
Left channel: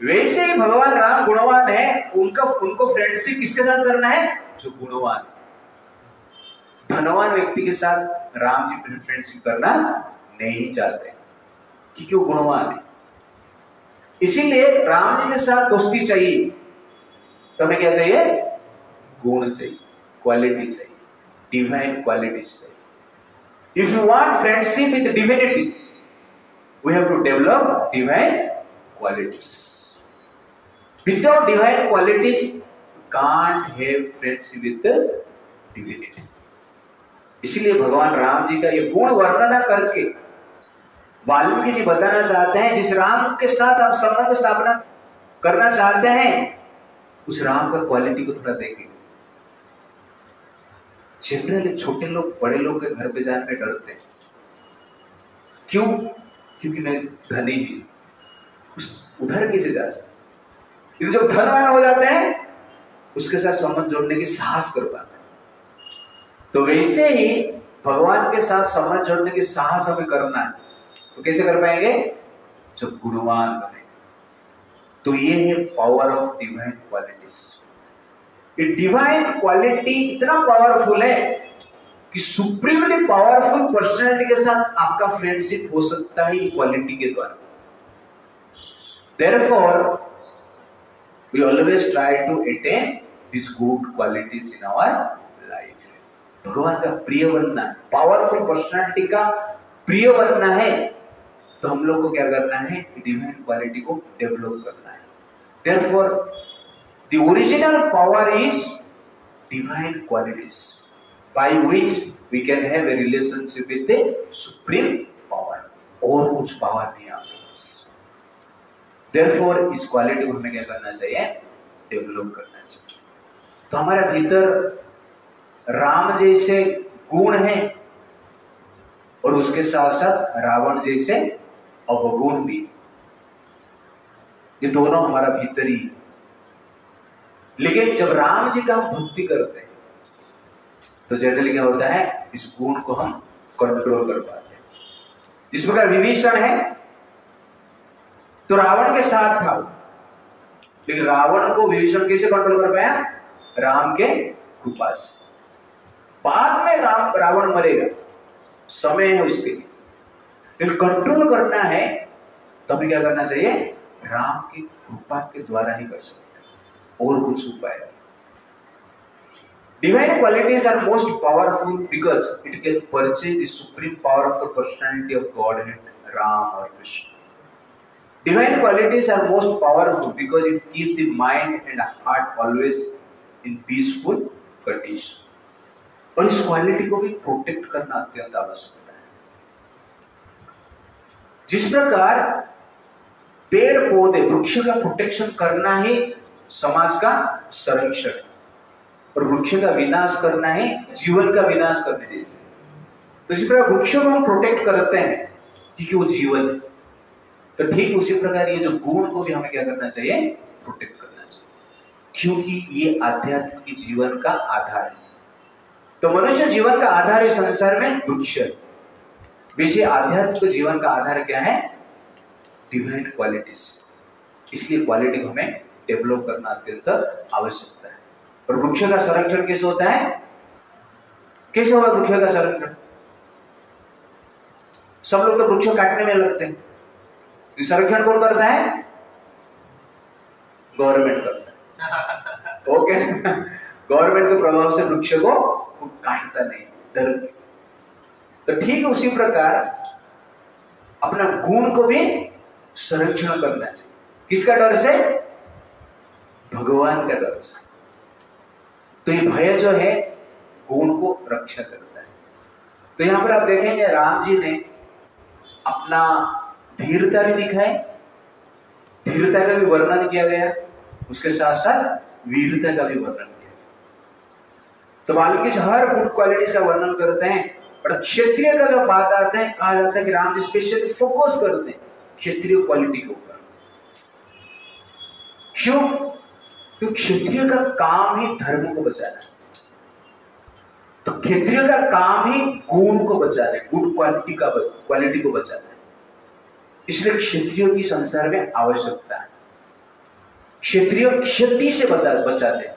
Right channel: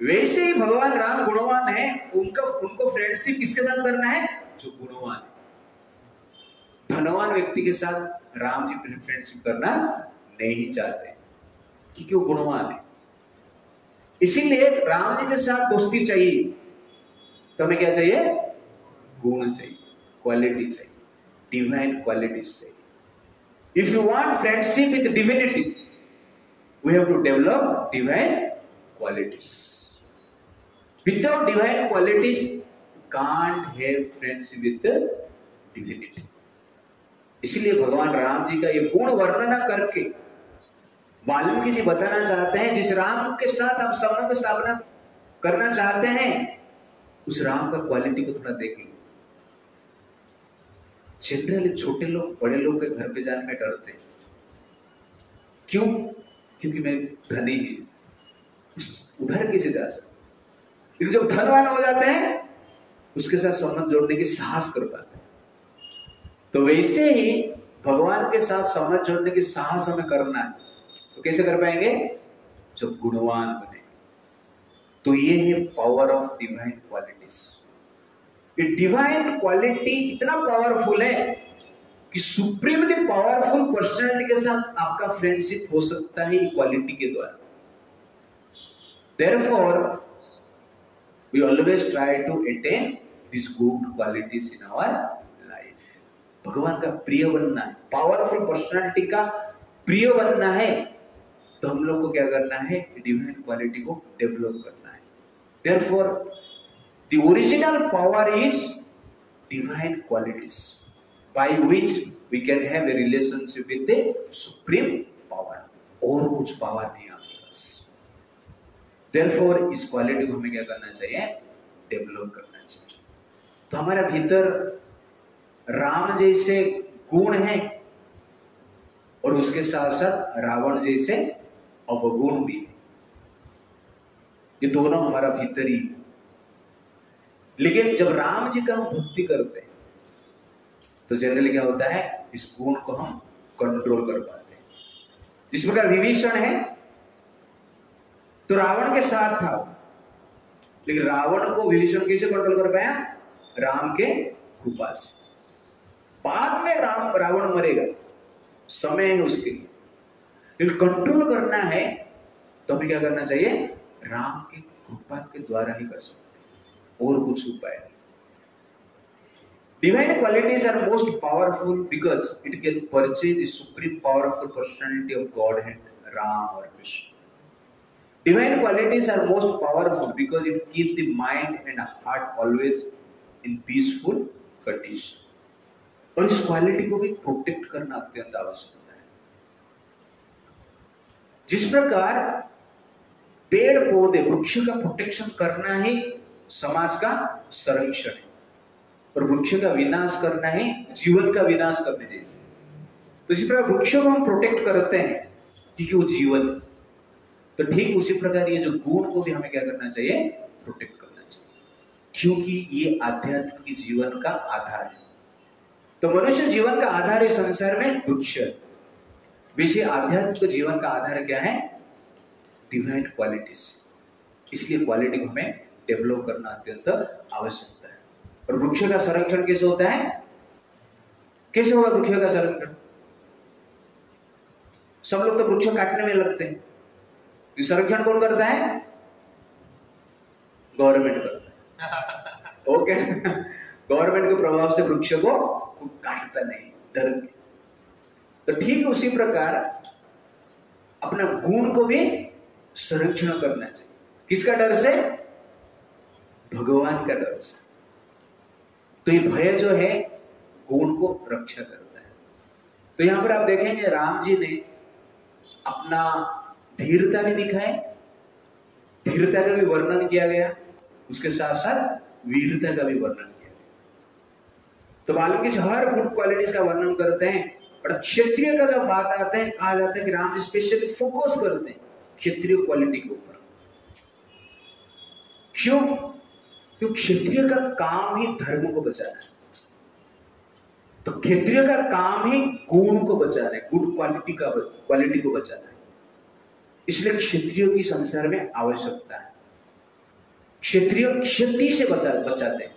वैसे ही भगवान राम गुणवान है, उनको फ्रेंडशिप किसके साथ करना है? जो गुणवान है। धनवान व्यक्ति के साथ राम जी फ्रेंडशिप करना नहीं चाहते क्योंकि वो गुणवान है। इसीलिए राम जी के साथ दोस्ती चाहिए तो हमें क्या चाहिए? गुण चाहिए, क्वालिटी चाहिए, डिवाइन क्वालिटीज चाहिए। If you want friendship with divinity, we have to develop divine qualities. Without divine qualities, you can't have friendship with the divinity. इसीलिए भगवान राम जी का ये गुण वर्णना करके वाल्मीकि जी बताना चाहते हैं, जिस राम के साथ आप संबंध स्थापना करना चाहते हैं, उस राम का क्वालिटी को थोड़ा देखेंगे। जनरली छोटे लोग बड़े लोग के घर पे जाने में डरते हैं। क्यों? क्योंकि मैं धनी ही उधर कैसे जा सकते। लेकिन जब धनवान हो जाते हैं उसके साथ संबंध जोड़ने की साहस कर पाते हैं। तो वैसे ही भगवान के साथ संबंध जोड़ने की साहस हमें करना है। तो कैसे कर पाएंगे? जब गुणवान बने। तो ये है पावर ऑफ डिवाइन क्वालिटीज। ये डिवाइन क्वालिटी इतना पावरफुल है कि सुप्रीमली पावरफुल पर्सनालिटी के साथ आपका फ्रेंडशिप हो सकता है क्वालिटी के द्वारा। Therefore, we always try to attain these good qualities in our life. भगवान का प्रिय बनना है, पावरफुल पर्सनालिटी का प्रिय बनना है, तो हम लोग को क्या करना है? डिवाइन क्वालिटी को डेवलप करना है। Therefore, the original power is divine qualities, by which we can have a relationship with the supreme power. और कुछ पावर नहीं आपके पास। Therefore, इस क्वालिटी को हमें क्या करना चाहिए? डेवलप करना चाहिए। तो हमारे भीतर राम जैसे गुण हैं और उसके साथ साथ रावण जैसे अवगुण भी। ये दोनों हमारा भीतर ही। लेकिन जब राम जी का हम भक्ति करते हैं तो जनरली क्या होता है? इस गुण को हम कंट्रोल कर पाते हैं। जिस प्रकार विभीषण है तो रावण के साथ था, लेकिन रावण को विभीषण कैसे कंट्रोल कर पाया? राम के कृपा से। बाद में रावण मरेगा, समय है उसके लिए, लेकिन कंट्रोल करना है तो हमें क्या करना चाहिए? राम की कृपा के द्वारा ही कर सकते हैं, और कुछ उपाय। Divine qualities are most powerful because it can purchase the supreme powerful personality of Godhead, Ram or Krishna. Divine qualities are most powerful because it keeps the mind and heart always in peaceful condition. और इस quality को भी protect करना अत्यंत आवश्यक है। जिस प्रकार पेड़ पौधे वृक्ष का प्रोटेक्शन करना ही समाज का संरक्षण है, और वृक्ष का विनाश करना है जीवन का विनाश करने जैसे। तो इसी प्रकार वृक्षों को हम प्रोटेक्ट करते हैं क्योंकि वो जीवन है। तो ठीक उसी प्रकार ये जो गुण को भी हमें क्या करना चाहिए? प्रोटेक्ट करना चाहिए, क्योंकि ये आध्यात्म की जीवन का आधार है। तो मनुष्य जीवन का आधार इस संसार में वृक्ष है। वैसे आध्यात्म के जीवन का आधार क्या है? Divine qualities. इसलिए क्वालिटी को हमें डेवलप करना अत्यंत आवश्यकता है। और वृक्ष का संरक्षण कैसे होता है? कैसे होगा वृक्ष का संरक्षण? सब लोग तो वृक्ष काटने में लगते हैं, संरक्षण कौन करता है? गवर्नमेंट करता है। ओके, गवर्नमेंट के प्रभाव से वृक्ष को काटता नहीं, डर। तो ठीक उसी प्रकार अपना गुण को भी संरक्षण करना चाहिए। किसका डर से? भगवान का डर से। तो ये भय जो है गुण को रक्षा करता है। तो यहां पर आप देखेंगे राम जी ने अपना धीरता भी दिखाई, धीरता का भी वर्णन किया गया, उसके साथ साथ वीरता का भी वर्णन किया। तो वाल्मीकि हर गुड क्वालिटीज का वर्णन करते हैं। और क्षत्रिय का जब बात आता है, कहा जाता है कि राम जी स्पेशली फोकस करते हैं क्षत्रिय क्वालिटी के ऊपर। क्यों? क्योंकि क्षत्रिय का काम ही धर्म को बचाना है। तो क्षत्रिय का काम ही गुण को बचाना है, गुड क्वालिटी को बचाना है। इसलिए क्षत्रियों की संसार में आवश्यकता है। क्षत्रिय क्षति से बचाते हैं,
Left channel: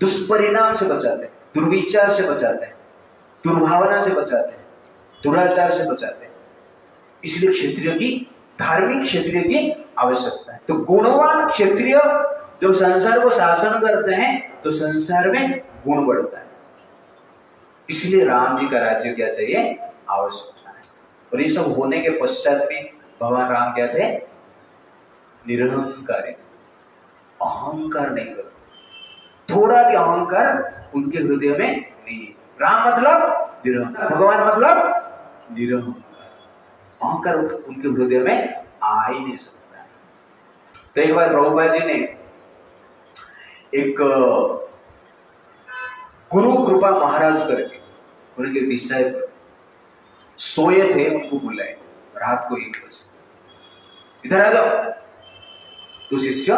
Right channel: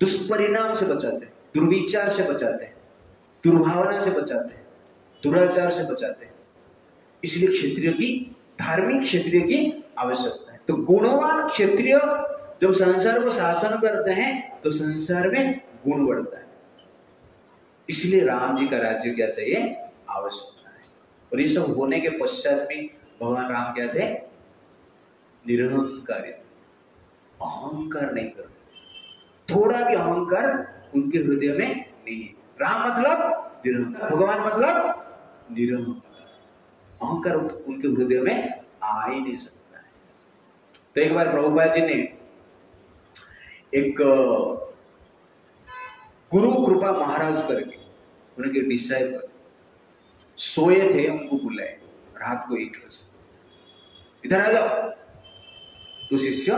दुष्परिणाम से बचाते हैं, दुर्विचार से बचाते हैं, दुर्भावना से बचाते हैं, दुराचार से बचाते हैं। इसलिए क्षत्रिय की, धार्मिक क्षत्रिय की आवश्यकता है। तो गुणवान क्षत्रिय जब संसार को शासन करते हैं तो संसार में गुण बढ़ता है। इसलिए राम जी का राज्य क्या चाहिए? आवश्यकता है। और ये सब होने के पश्चात भी भगवान राम क्या थे? निरहंकारी, अहंकार नहीं कर, थोड़ा भी अहंकार उनके हृदय में नहीं। राम मतलब निरहंकार, भगवान मतलब निरहंकार। अहंकार उनके हृदय में आ ही नहीं सकता है। तो एक बार प्रभुपाद जी ने एक गुरु कृपा महाराज करके उनके डिसाइपल सोए थे, उनको बुलाए रात को 1 बजे, इधर आ जाओ। तो शिष्य आ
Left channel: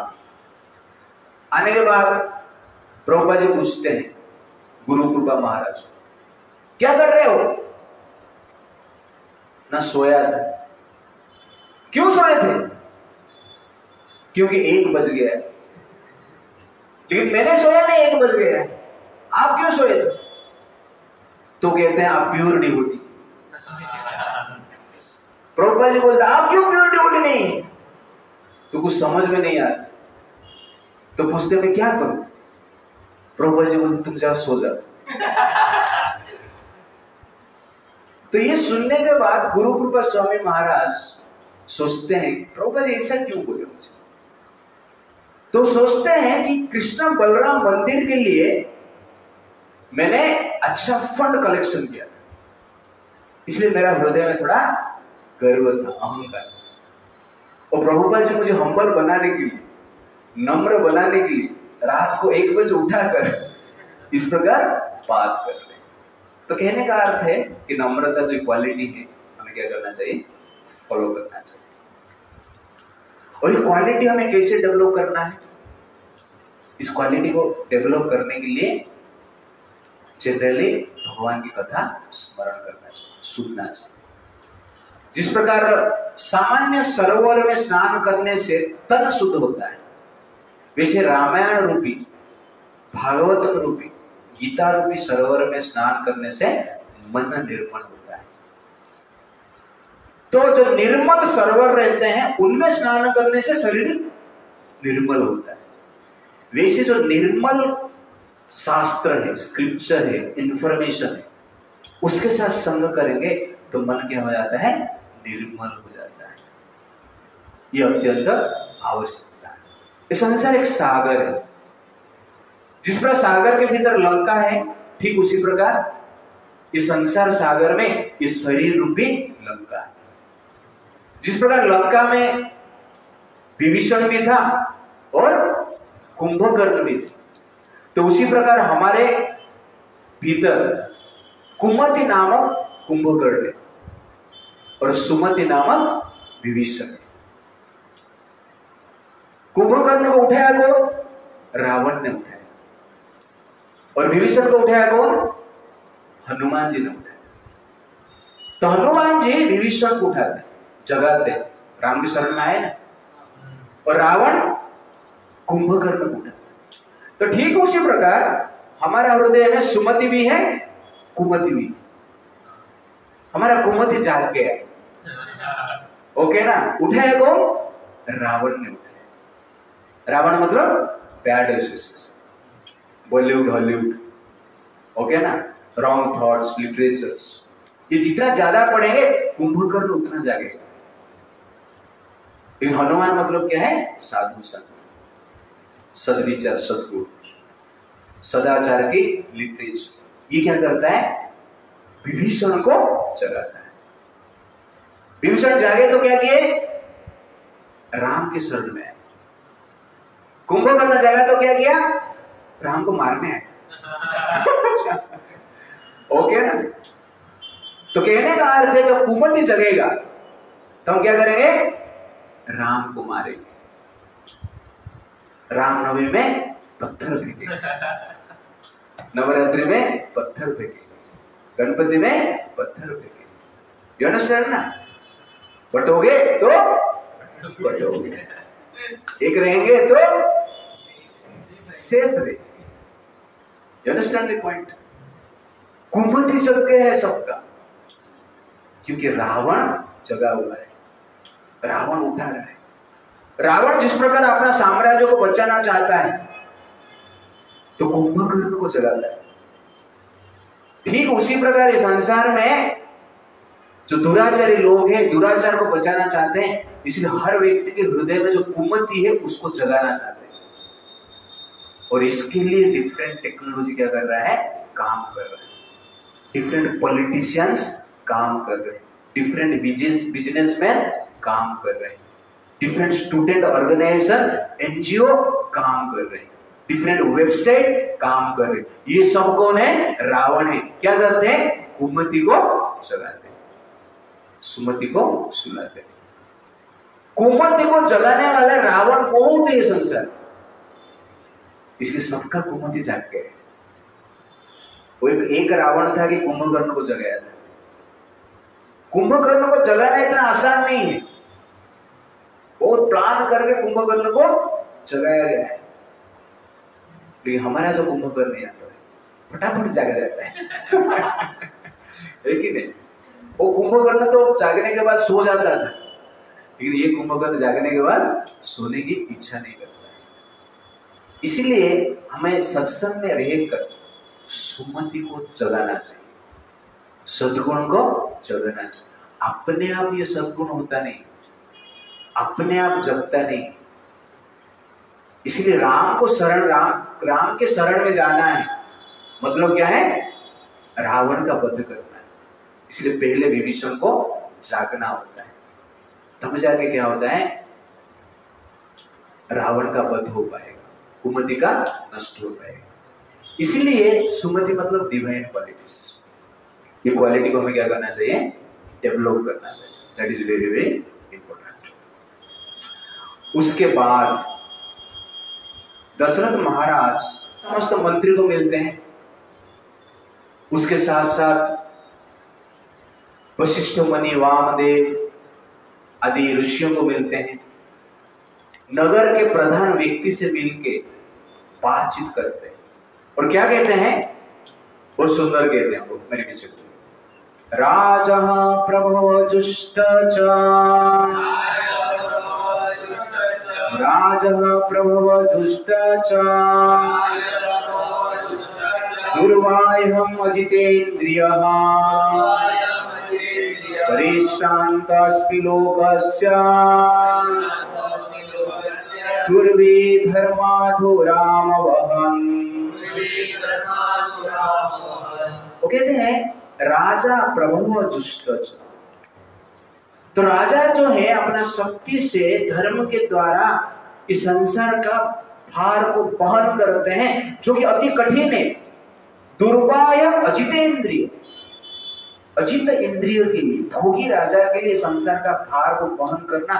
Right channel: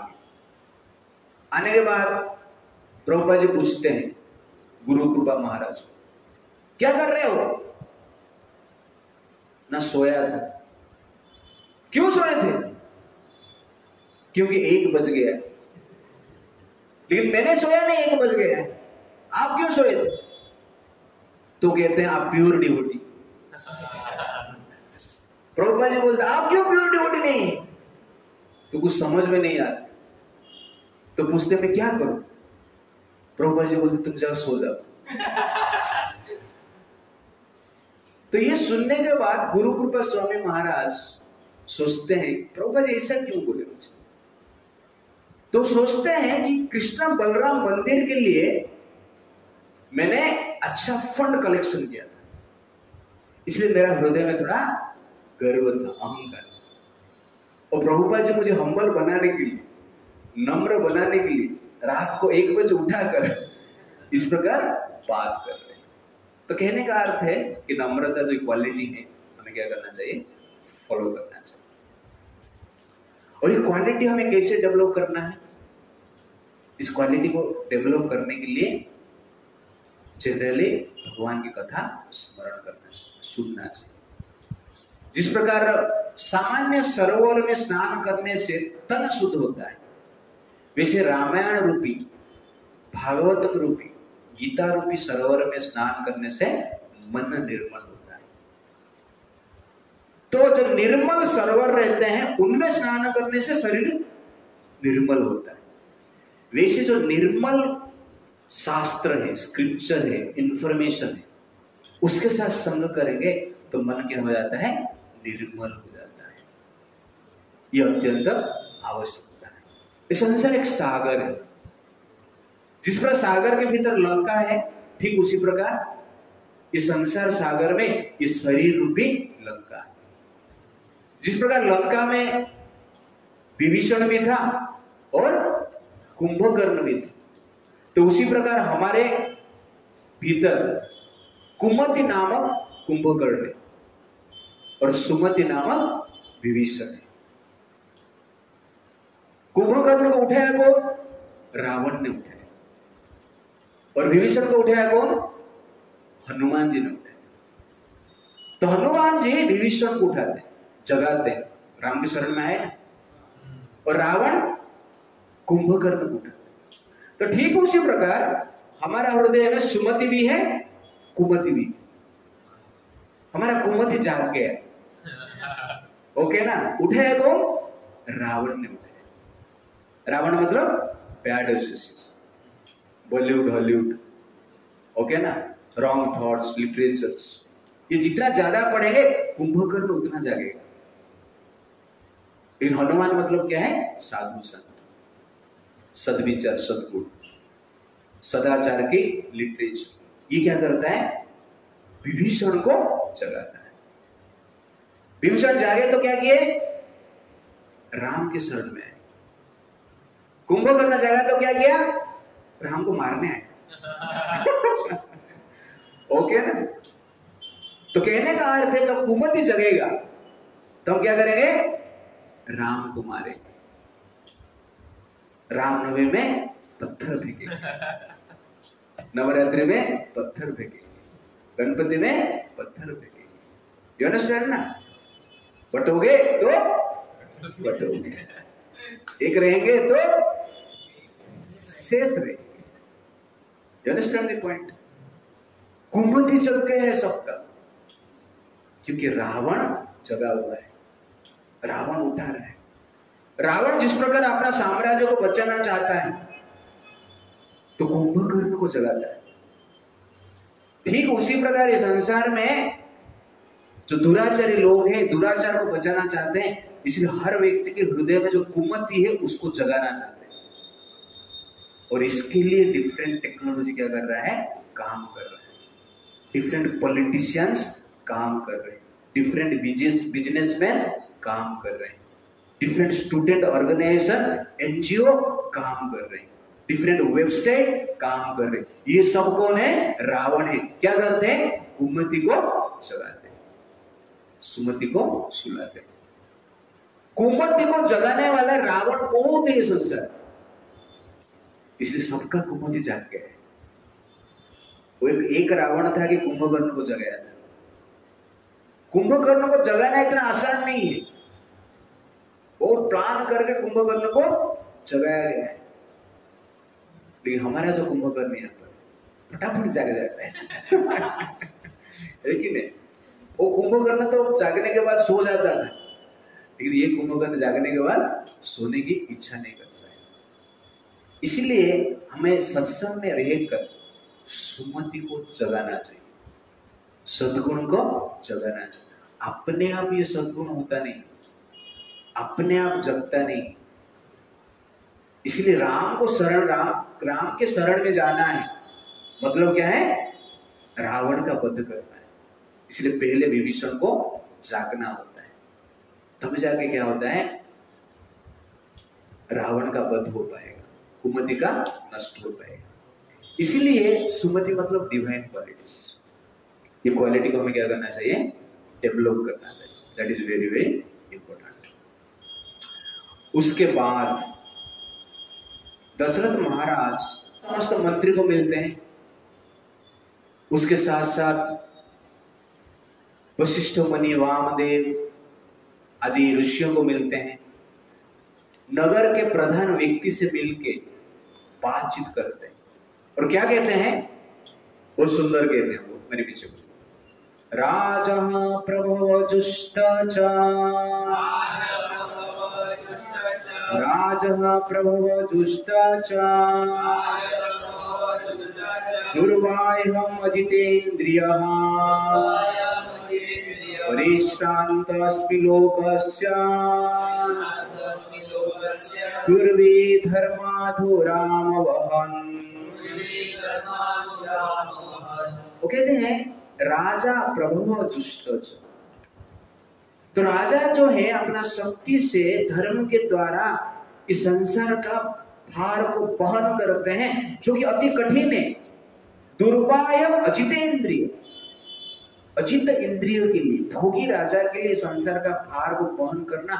गए। आने के बाद प्रभुपाद जी पूछते हैं गुरु कृपा महाराज, क्या कर रहे हो? ना सोया था। क्यों सोए थे? क्योंकि 1 बज गया। लेकिन मैंने सोया नहीं, 1 बज गया। आप क्यों सोए थे? तो कहते हैं आप प्योर डिवोटी। प्रभुपाद जी बोलते आप क्यों प्योर डिवोटी नहीं? तो कुछ समझ में नहीं आता। तो पूछते मैं क्या करूं? प्रभुपाद जी बोलते तुम जाओ सो जाओ। तो ये सुनने के बाद गुरु कृपा स्वामी महाराज सोचते हैं प्रभुपाद जी ऐसा क्यों बोले मुझे? तो सोचते हैं कि कृष्ण बलराम मंदिर के लिए मैंने अच्छा फंड कलेक्शन किया था, इसलिए मेरा हृदय में थोड़ा गर्व था, अहंकार। और प्रभुपाद जी मुझे हम्बल बनाने के लिए, नम्र बनाने के लिए रात को 1 बजे उठाकर इस प्रकार बात कर रहे। तो कहने का अर्थ है कि नम्रता जो क्वालिटी है हमें क्या करना चाहिए? फॉलो करना चाहिए। और ये क्वालिटी हमें कैसे डेवलप करना है? इस क्वालिटी को डेवलप करने के लिए जनरली भगवान की कथा स्मरण करना चाहिए, सुनना चाहिए। जिस प्रकार सामान्य सरोवर में स्नान करने से तन शुद्ध होता है, वैसे रामायण रूपी, भागवतम रूपी, गीता रूपी सरोवर में स्नान करने से मन निर्मल होता है। तो जो निर्मल सरोवर रहते हैं उनमें स्नान करने से शरीर निर्मल होता है। वैसे जो निर्मल शास्त्र है, स्क्रिप्चर है, इंफॉर्मेशन है, उसके साथ संग करेंगे तो मन क्या हो जाता है? निर्मल हो जाता है। यह अत्यंत आवश्यकता है। इस संसार एक सागर है। जिस प्रकार सागर के भीतर लंका है, ठीक उसी प्रकार इस संसार सागर में ये शरीर रूपी लंका है। जिस प्रकार लंका में विभीषण भी था और कुंभकर्ण भी थे, तो उसी प्रकार हमारे भीतर कुमति नामक कुंभकर्ण है और सुमति नामक विभीषण है। कुंभकर्ण को उठाया कौन? रावण ने उठाया। और विभीषण को उठाया कौन? हनुमान जी ने उठाया। तो हनुमान जी विभीषण को उठाते, जगाते, राम की शरण में आए ना, और रावण कुंभकर्ण को उठाते। तो ठीक उसी प्रकार हमारा हृदय में सुमति भी है, कुमति भी। हमारा कुमति जाग गया, ओके ना? उठाया कौन? रावण ने उठाया। रावण मतलब bad association, Bollywood, Hollywood, okay ना? रॉन्ग थॉट्स, लिटरेचर्स, ये जितना ज्यादा पढ़ेंगे कुंभकर्ण उतना जागेगा। लेकिन हनुमान मतलब क्या है? साधु संत, सदविचार, सदगुण, सदाचार की लिटरेचर। ये क्या करता है? विभीषण को जगाता है। विभीषण जागे तो क्या किए? राम के शरण में आए। कुंभकर्ण जागा तो क्या किया? राम को मारने आए। ओके ना? तो कहने का अर्थ है जब कुमति जगेगा तो हम क्या करेंगे? राम को मारेंगे। रामनवमी में पत्थर फेंकेंगे। नवरात्रि में पत्थर फेंकेंगे, गणपति में पत्थर फेंकेंगे। यू अंडरस्टैंड ना? बटोगे तो बटोगे, एक रहेंगे तो सेफ रहे। You understand the point? कुमति चल के है सबका, क्योंकि रावण जगा हुआ है, रावण उठा रहा है। रावण जिस प्रकार अपना साम्राज्य को बचाना चाहता है तो कुंभकर्ण को जगाता है। ठीक उसी प्रकार इस संसार में जो दुराचारी लोग हैं, दुराचार को बचाना चाहते हैं, इसलिए हर व्यक्ति के हृदय में जो कुमति है उसको जगाना चाहते हैं। और इसके लिए डिफरेंट टेक्नोलॉजी क्या कर रहा है? काम कर रहा है। डिफरेंट पॉलिटिशियंस काम कर रहे हैं, डिफरेंट बिजनेसमैन काम कर रहे हैं, डिफरेंट स्टूडेंट ऑर्गेनाइजेशन एनजीओ काम कर रहे हैं, डिफरेंट वेबसाइट काम कर रहे हैं। ये सब कौन है? रावण है। क्या करते हैं? कुमति को जगाते हैं, सुमति को सुलाते हैं। कुमति को जगाने वाला रावण बहुत है संसार, इसलिए सबका कुमति जाग गया। वो एक रावण था कि कुंभकर्ण को जगाया था। कुंभकर्ण को जगाना इतना आसान नहीं है, बहुत प्लान करके कुंभकर्ण को जगाया गया है। लेकिन हमारा जो कुंभकर्ण आता है फटाफट जाग जाता है कि नहीं? वो कुंभकर्ण तो जागने के बाद सो जाता था, लेकिन ये कुंभकर्ण जागने के बाद सोने की इच्छा नहीं करता है। इसीलिए हमें सत्संग में रहकर सुमति को जगाना चाहिए, सद्गुण को जगाना चाहिए। अपने आप ये सद्गुण होता नहीं, अपने आप जगता नहीं। इसलिए राम को शरण, राम के शरण में जाना है। मतलब क्या है? रावण का वध करना है। इसलिए पहले विभीषण को जागना होता है, तब जाके क्या होता है? रावण का वध हो पाएगा, कुमति का नष्ट हो पाएगा। इसलिए सुमति मतलब डिवाइन क्वालिटीज। ये क्वालिटी को हमें क्या करना चाहिए? डेवलप करना चाहिए। That is very very important. उसके बाद दशरथ महाराज समस्त मंत्री को मिलते हैं, उसके साथ साथ वशिष्ठ मुनि, वामदेव आदि ऋषियों को मिलते हैं। नगर के प्रधान व्यक्ति से मिलके बातचीत करते हैं और क्या कहते हैं? बहुत सुंदर कहते हैं वो, मेरे पीछे। राजा प्रभव जुष्ट राजा प्रभव जुष्ट दुर्वाह्यम अजितेन्द्रियः परिश्रान्तस्मि लोकस्य दुर्वे धर्माधो राम वहन। वो कहते हैं राजा प्रभव जुष्ट। तो राजा जो है अपना शक्ति से धर्म के द्वारा इस संसार का भार को वहन करते हैं, जो कि अति कठिन है। दुर्वाय अजितेंद्रिय, अजित इंद्रियों के लिए, भोगी राजा के लिए संसार का भार को वहन करना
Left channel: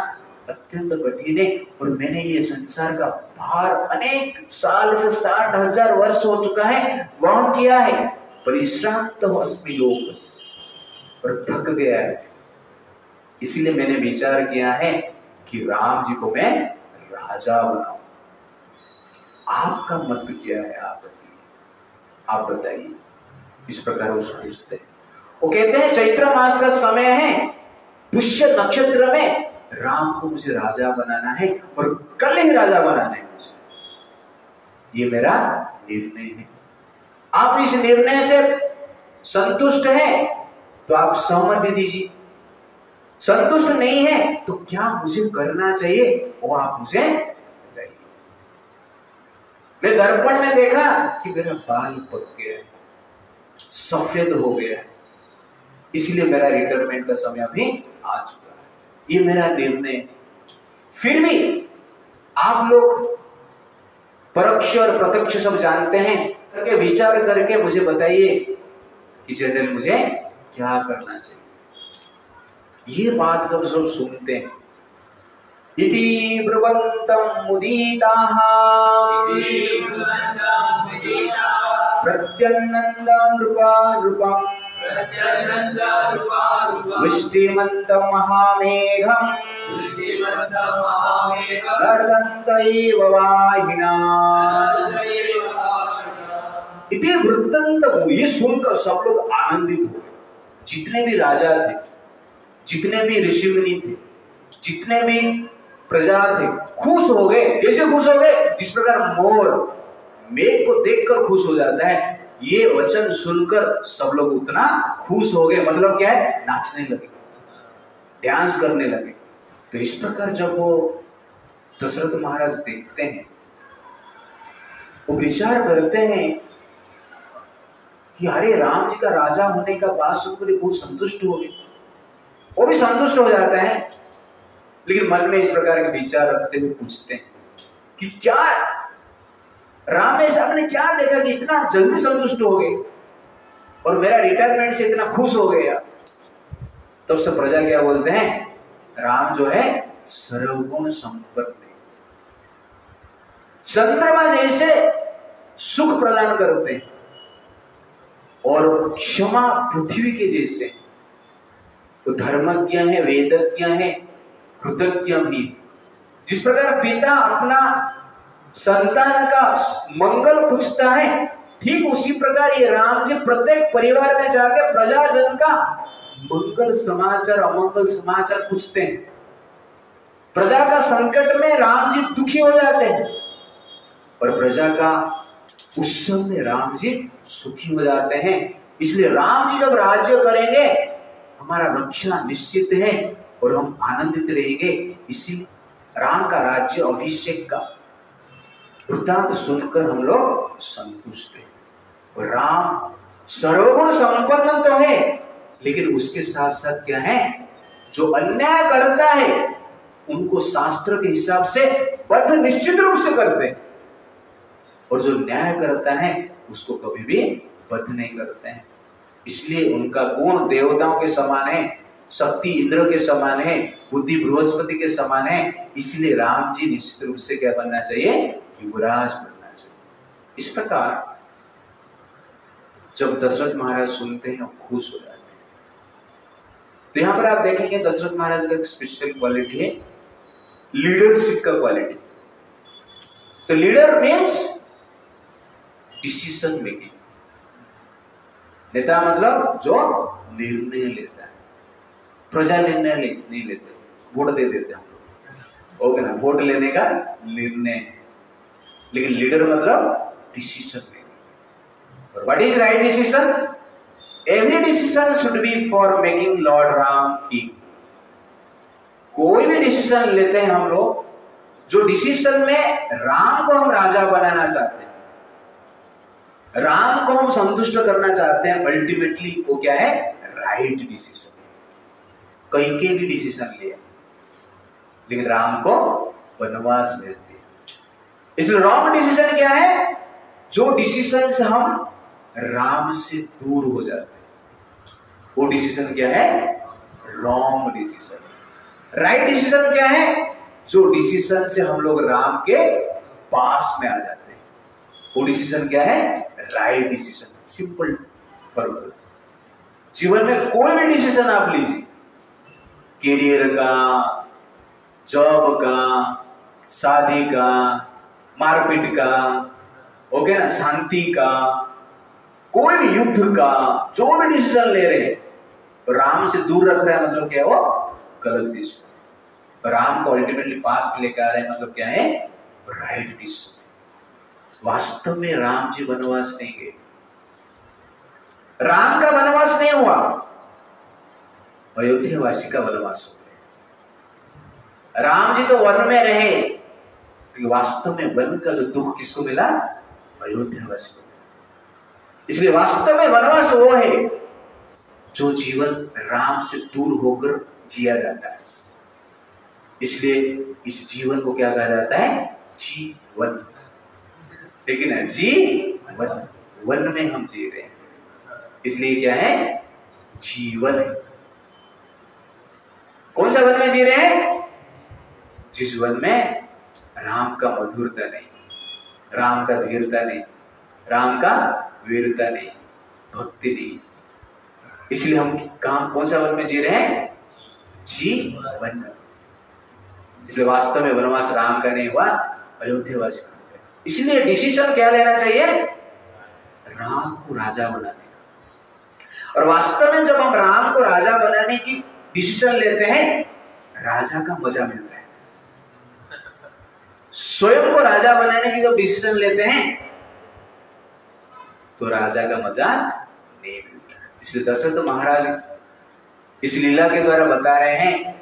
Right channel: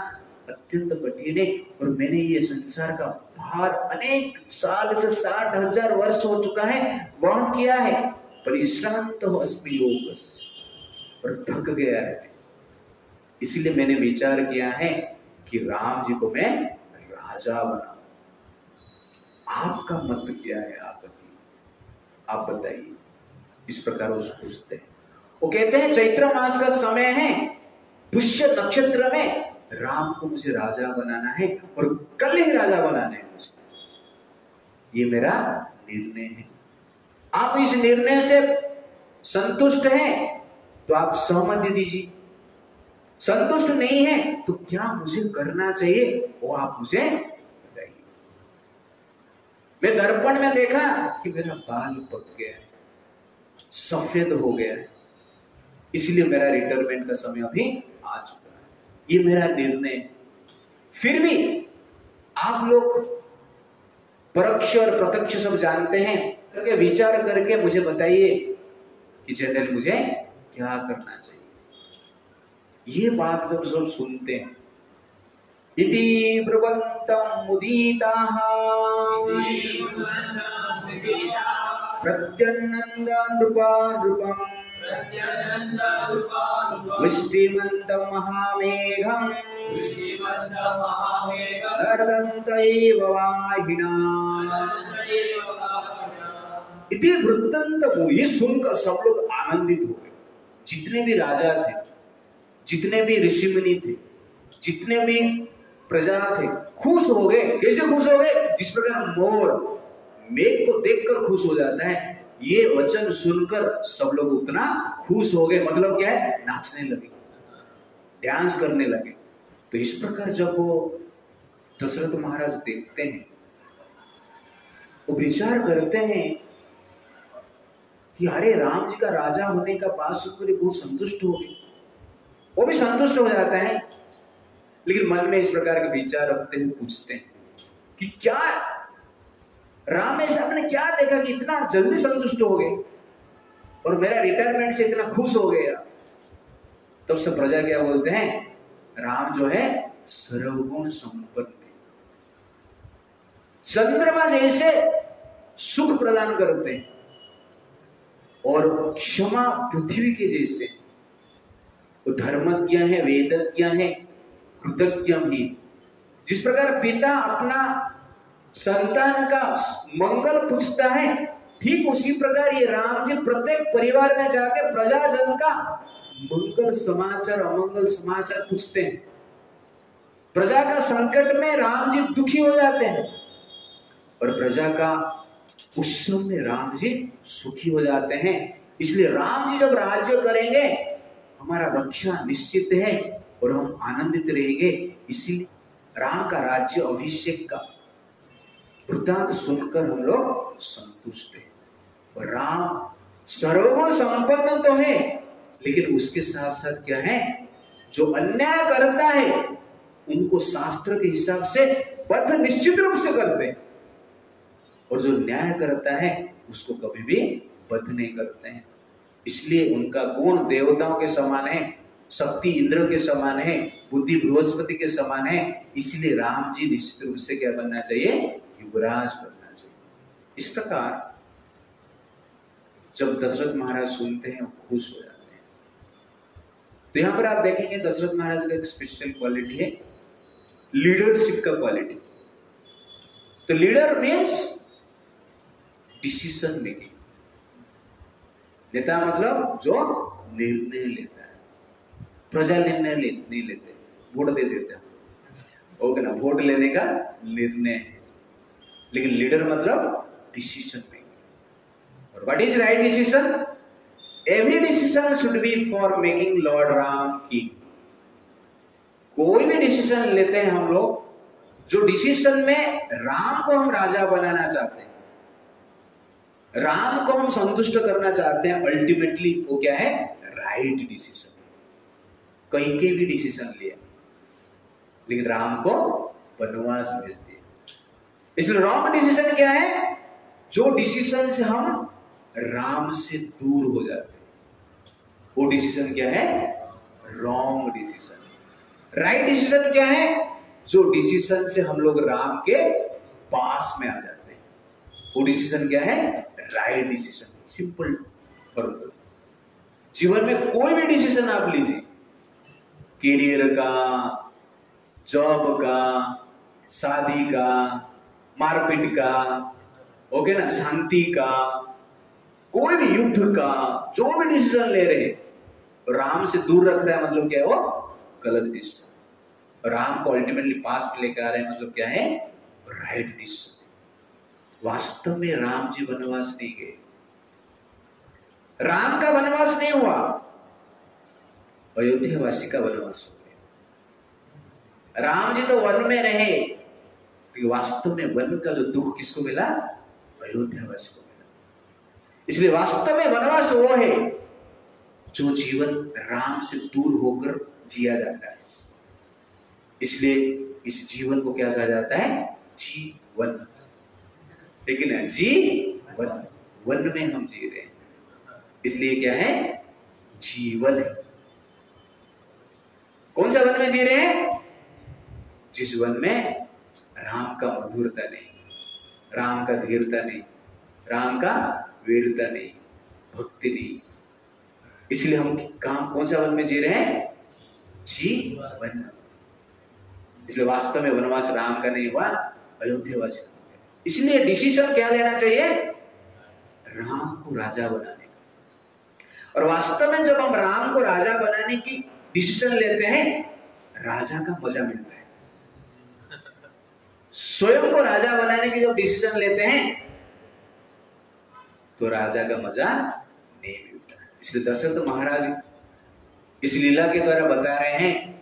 अत्यंत कठिन है। और मैंने ये संसार का भार अनेक साल से 60,000 वर्ष हो चुका है वहन किया है। परिश्रांत हो अस्मि लोकस, और थक गया है। इसलिए मैंने विचार किया है कि राम जी को मैं राजा बनाऊं। आपका मत क्या है? आप बताइए। इस प्रकार वो सोचते हैं। वो कहते हैं चैत्र मास का समय है, पुष्य नक्षत्र में राम को मुझे राजा बनाना है और कल ही राजा बनाना है मुझे। ये मेरा निर्णय है। आप इस निर्णय से संतुष्ट हैं तो आप सहमति दीजिए, संतुष्ट नहीं है तो क्या मुझे करना चाहिए वो आप मुझे बताइए। मैं दर्पण में देखा कि मेरा बाल पक गया, सफेद हो गया, इसलिए मेरा रिटायरमेंट का समय अभी आ चुका है। ये मेरा निर्णय। फिर भी आप लोग परोक्ष और प्रत्यक्ष सब जानते हैं, करके विचार करके मुझे बताइए कि जनरल मुझे क्या करना चाहिए। ये बात जब सब सुनते हैं, इति ब्रुवन्तं मुदीताः प्रत्यनंद नृपम वृष्टिमन्तं महामेघम् गर्दन्तैव वाहिना। इति वृत्तांत। ये सुनकर सब लोग आनंदित हो गए। जितने भी राजा थे, जितने भी ऋषि मुनि थे, जितने भी प्रजा थे, खुश हो गए। कैसे खुश हो गए? जिस प्रकार मोर मेघ को देखकर खुश हो जाता है, ये वचन सुनकर सब लोग उतना खुश हो गए। मतलब क्या है? नाचने लगे, डांस करने लगे। तो इस प्रकार जब वो दशरथ महाराज देखते हैं, वो विचार करते हैं कि अरे राम जी का राजा होने का बात सुनकर बहुत संतुष्ट हो गए। वो भी संतुष्ट हो जाता है, लेकिन मन में इस प्रकार के विचार रखते हुए पूछते हैं कि क्या राम ऐसा आपने क्या देखा कि इतना जल्दी संतुष्ट हो गए और मेरा रिटायरमेंट से इतना खुश हो गया? तब सब प्रजा क्या बोलते हैं? राम जो है सर्वगुण संपन्न है, चंद्रमा जैसे सुख प्रदान करते हैं और क्षमा पृथ्वी के जैसे। तो धर्मज्ञ है, वेदज्ञ है, कृतज्ञ भी। जिस प्रकार पिता अपना संतान का मंगल पूछता है, ठीक उसी प्रकार ये राम जी प्रत्येक परिवार में जाकर प्रजाजन का मंगल समाचार, अमंगल समाचार पूछते हैं। प्रजा का संकट में राम जी दुखी हो जाते हैं और प्रजा का उत्सव में राम जी सुखी हो जाते हैं। इसलिए राम जी जब राज्य करेंगे, हमारा रक्षा निश्चित है और हम आनंदित रहेंगे। इसीलिए राम का राज्य अभिषेक का वृत्तांत सुनकर हम लोग संतुष्ट हैं। और राम सर्वगुण संपन्न तो है, लेकिन उसके साथ साथ क्या है? जो अन्याय करता है उनको शास्त्र के हिसाब से वध निश्चित रूप से करते हैं, और जो न्याय करता है उसको कभी भी वध नहीं करते हैं। इसलिए उनका गुण देवताओं के समान है, शक्ति इंद्र के समान है, बुद्धि बृहस्पति के समान है। इसलिए राम जी निश्चित रूप से क्या बनना चाहिए? युवराज बनना चाहिए। इस प्रकार जब दशरथ महाराज सुनते हैं, खुश हो जाते हैं। तो यहां पर आप देखेंगे दशरथ महाराज का एक स्पेशल क्वालिटी है, लीडरशिप का क्वालिटी। तो लीडर मीन्स डिसीजन मेकिंग। नेता मतलब जो निर्णय लेता है। प्रजा निर्णय नहीं लेते, वोट दे देते हैं, ओके ना, वोट लेने का निर्णय। लेकिन लीडर मतलब डिसीजन मेकिंग। और what is right decision? Every decision should be for making Lord Ram king. कोई भी डिसीजन लेते हैं हम लोग, जो डिसीजन में राम को हम राजा बनाना चाहते हैं, राम को हम संतुष्ट करना चाहते हैं, अल्टीमेटली वो क्या है? Right decision. कैकेयी भी डिसीजन लिया, लेकिन राम को वनवास भेज दिया। इसलिए रॉन्ग डिसीजन क्या है? जो डिसीजन से हम राम से दूर हो जाते हैं, वो डिसीजन क्या है? Wrong decision. राइट डिसीजन क्या है? जो डिसीजन से हम लोग राम के पास में आ जाते हैं, वो डिसीजन क्या है? Right decision. Simple formula. जीवन में कोई भी डिसीजन आप लीजिए, कैरियर का, जॉब का, शादी का, मारपीट का, ओके ना, शांति का, कोई भी युद्ध का, जो भी डिसीजन ले रहे हैं, राम से दूर रख रहा है, मतलब क्या है? वो गलत डिसीजन। राम को अल्टीमेटली पास में लेकर आ रहे हैं, मतलब क्या है? Right decision. वास्तव में राम जी वनवास नहीं गए, राम का वनवास नहीं हुआ, अयोध्यावासी का वनवास हो गया। राम जी तो वन में रहे, कि वास्तव में वन का जो दुख किसको मिला? अयोध्यावासी को मिला। इसलिए वास्तव में वनवास वो है जो जीवन राम से दूर होकर जिया जाता है। इसलिए इस जीवन को क्या कहा जाता है? जीवन। लेकिन जीवन, वन में हम जी रहे हैं, इसलिए क्या है? जीवन है। कौन सा वन में जी रहे हैं? जिस वन में राम का मधुरता नहीं, राम का धीरता नहीं, राम का वीरता नहीं, भक्ति नहीं। इसलिए हम काम कौन सा वन में जी रहे हैं? जीवन। इसलिए वास्तव में वनवास राम का नहीं हुआ, अयोध्यावासी का। इसलिए डिसीजन क्या लेना चाहिए? राम को राजा बनाने का। और वास्तव में जब हम राम को राजा बनाने की डिसीजन लेते हैं, राजा का मजा मिलता है। स्वयं को राजा बनाने की जब डिसीजन लेते हैं तो राजा का मजा नहीं मिलता। इसलिए दशरथ महाराज इस लीला के द्वारा बता रहे हैं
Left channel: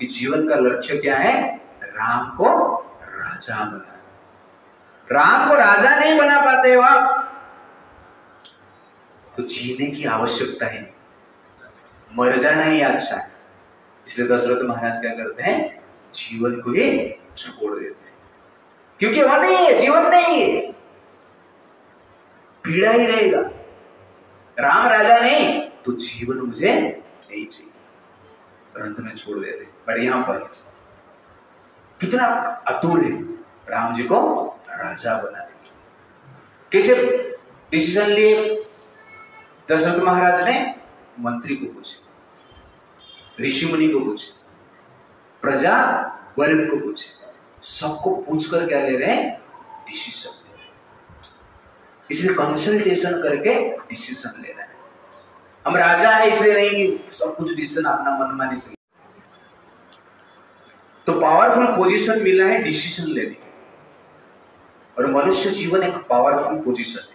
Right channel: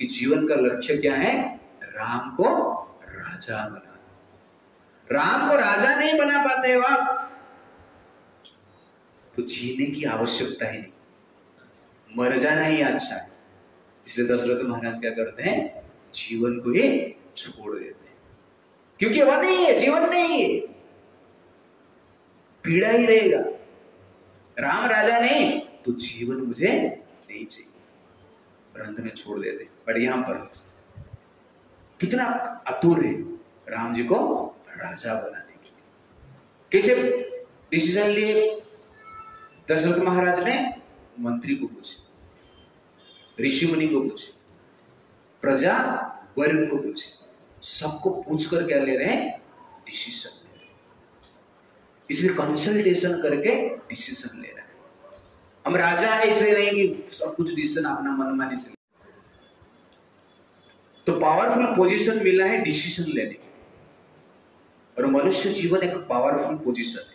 कि जीवन का लक्ष्य क्या है? राम को राजा बनाना। राम को राजा नहीं बना पाते हो आप तो जीने की आवश्यकता ही नहीं, मर जाना ही अच्छा है। इसलिए दशरथ महाराज क्या करते हैं? जीवन को ही छोड़ देते हैं, क्योंकि वो नहीं है, जीवन नहीं है, पीड़ा ही रहेगा। राम राजा नहीं तो जीवन मुझे नहीं चाहिए, परंतु में छोड़ देते। पर यहां पर कितना अतुर है राम जी को राजा बनाने की। कैसे डिसीजन लिए? दशरथ महाराज ने मंत्री को पूछे, ऋषि मुनि को पूछे, प्रजा वर्ग को पूछे, सबको पूछकर क्या ले रहे हैं? डिसीजन ले रहे हैं। इसलिए कंसल्टेशन करके डिसीजन ले रहे हैं। हम राजा है इसलिए नहीं कि सब कुछ डिसीजन अपना मनमानी से। तो पावरफुल पोजीशन मिला है डिसीजन लेने की, और मनुष्य जीवन एक पावरफुल पोजीशन है।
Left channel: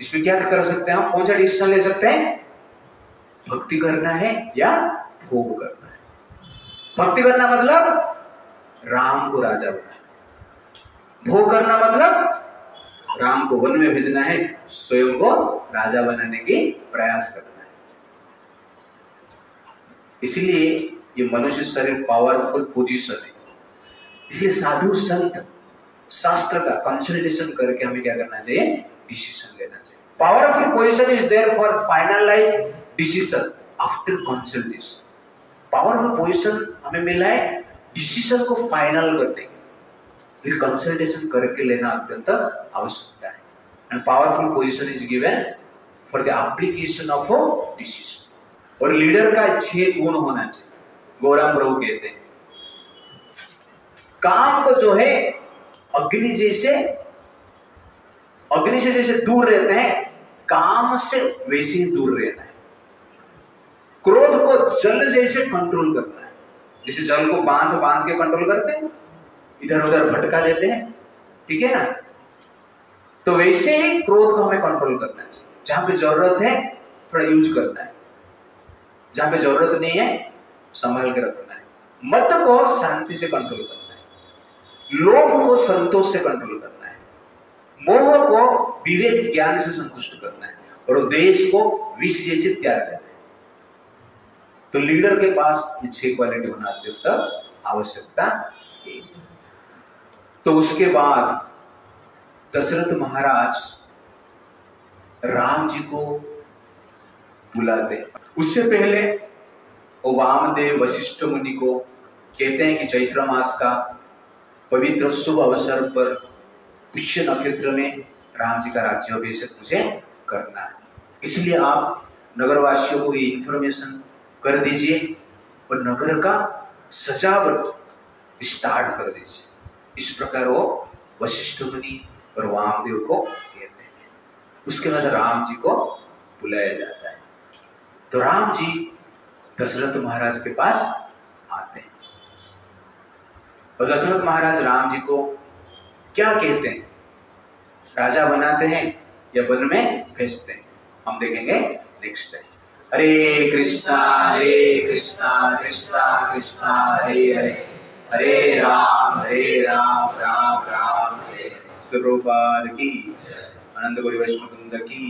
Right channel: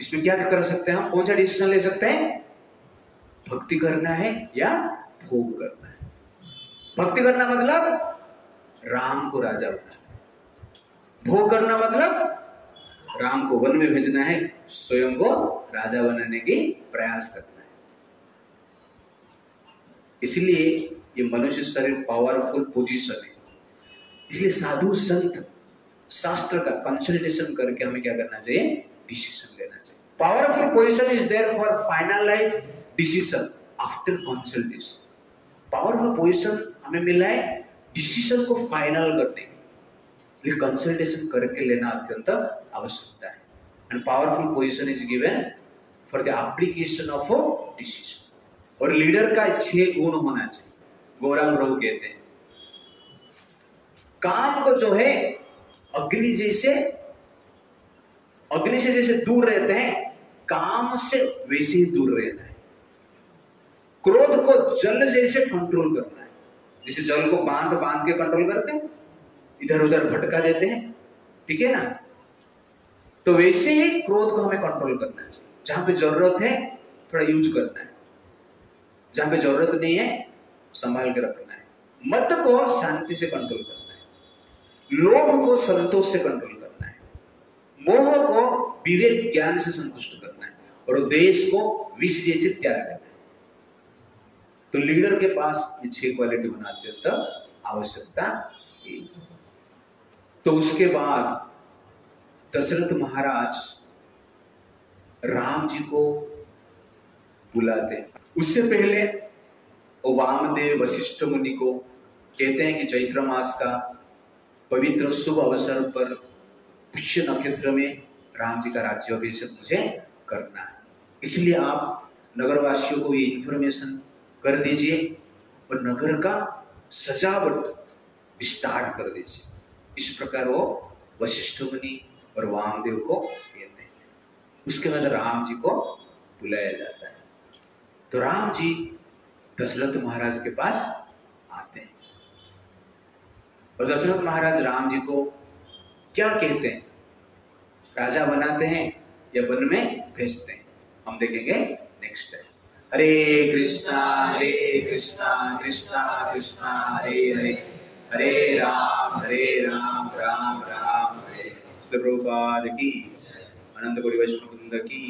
इसमें क्या कर सकते हैं हम? कौन सा डिसीजन ले सकते हैं? भक्ति करना है या भोग करना है। भक्ति करना मतलब राम को राजा बनाना, भोग करना मतलब राम को वन में भेजना है, स्वयं को राजा बनाने की प्रयास करना है। इसलिए ये मनुष्य शरीर पावरफुल पोजीशन है। इसलिए साधु संत शास्त्र का कंसल्टेशन करके हमें क्या करना चाहिए? डिसीजन लेना चाहिए। Powerful position is there for finalize decision after consultation. Powerful position हमें मिला है डिसीजन को फाइनल करने के लिए, कंसल्टेशन करके लेना अत्यंत आवश्यकता है। And powerful position is given for the application of decision. और लीडर का 6 गुण होना चाहिए। गौरांग प्रभु कहते हैं काम को जो है अग्नि से जैसे दूर रहते हैं, काम से वैसे ही दूर रहना है। क्रोध को जल जैसे कंट्रोल करना है। जैसे जल को बांध के कंट्रोल करते हैं, इधर उधर भटका देते हैं, ठीक है ना? तो वैसे ही क्रोध को हमें कंट्रोल करना चाहिए। जहां पे जरूरत है थोड़ा यूज करना है, जहां पे जरूरत नहीं है संभाल के रखना है। मत को शांति से कंट्रोल करना है, लोभ को संतोष से कंट्रोल करना है, मोह को विवेक ज्ञान से संतुष्ट करना है, और देश को विष जैसे त्याग करना है। तो लीडर के पास ये 6 क्वालिटी होना अत्यंत आवश्यकता है। तो उसके बाद दशरथ महाराज राम जी को बुलाते। उससे पहले वो वामदेव वशिष्ठ मुनि को कहते हैं कि चैत्र मास का पवित्र शुभ अवसर पर पुष्य नक्षत्र में राम जी का राज्याभिषेक मुझे करना है। इसलिए आप नगरवासियों को ये इंफॉर्मेशन कर दीजिए और नगर का सजावट स्टार्ट कर दीजिए। इस प्रकार वो वशिष्ठ मुनि और वामदेव को कहते हैं। उसके बाद राम जी को बुलाया जाता है। तो राम जी दशरथ महाराज के पास आते हैं, और दशरथ महाराज राम जी को क्या कहते हैं? राजा बनाते हैं या वन में भेजते हैं? हम देखेंगे नेक्स्ट टाइम। हरे कृष्णा कृष्णा कृष्णा हरे हरे, हरे राम राम राम हरे। प्रभुपाद की, अनंत कोटि वैष्णव वृंद की।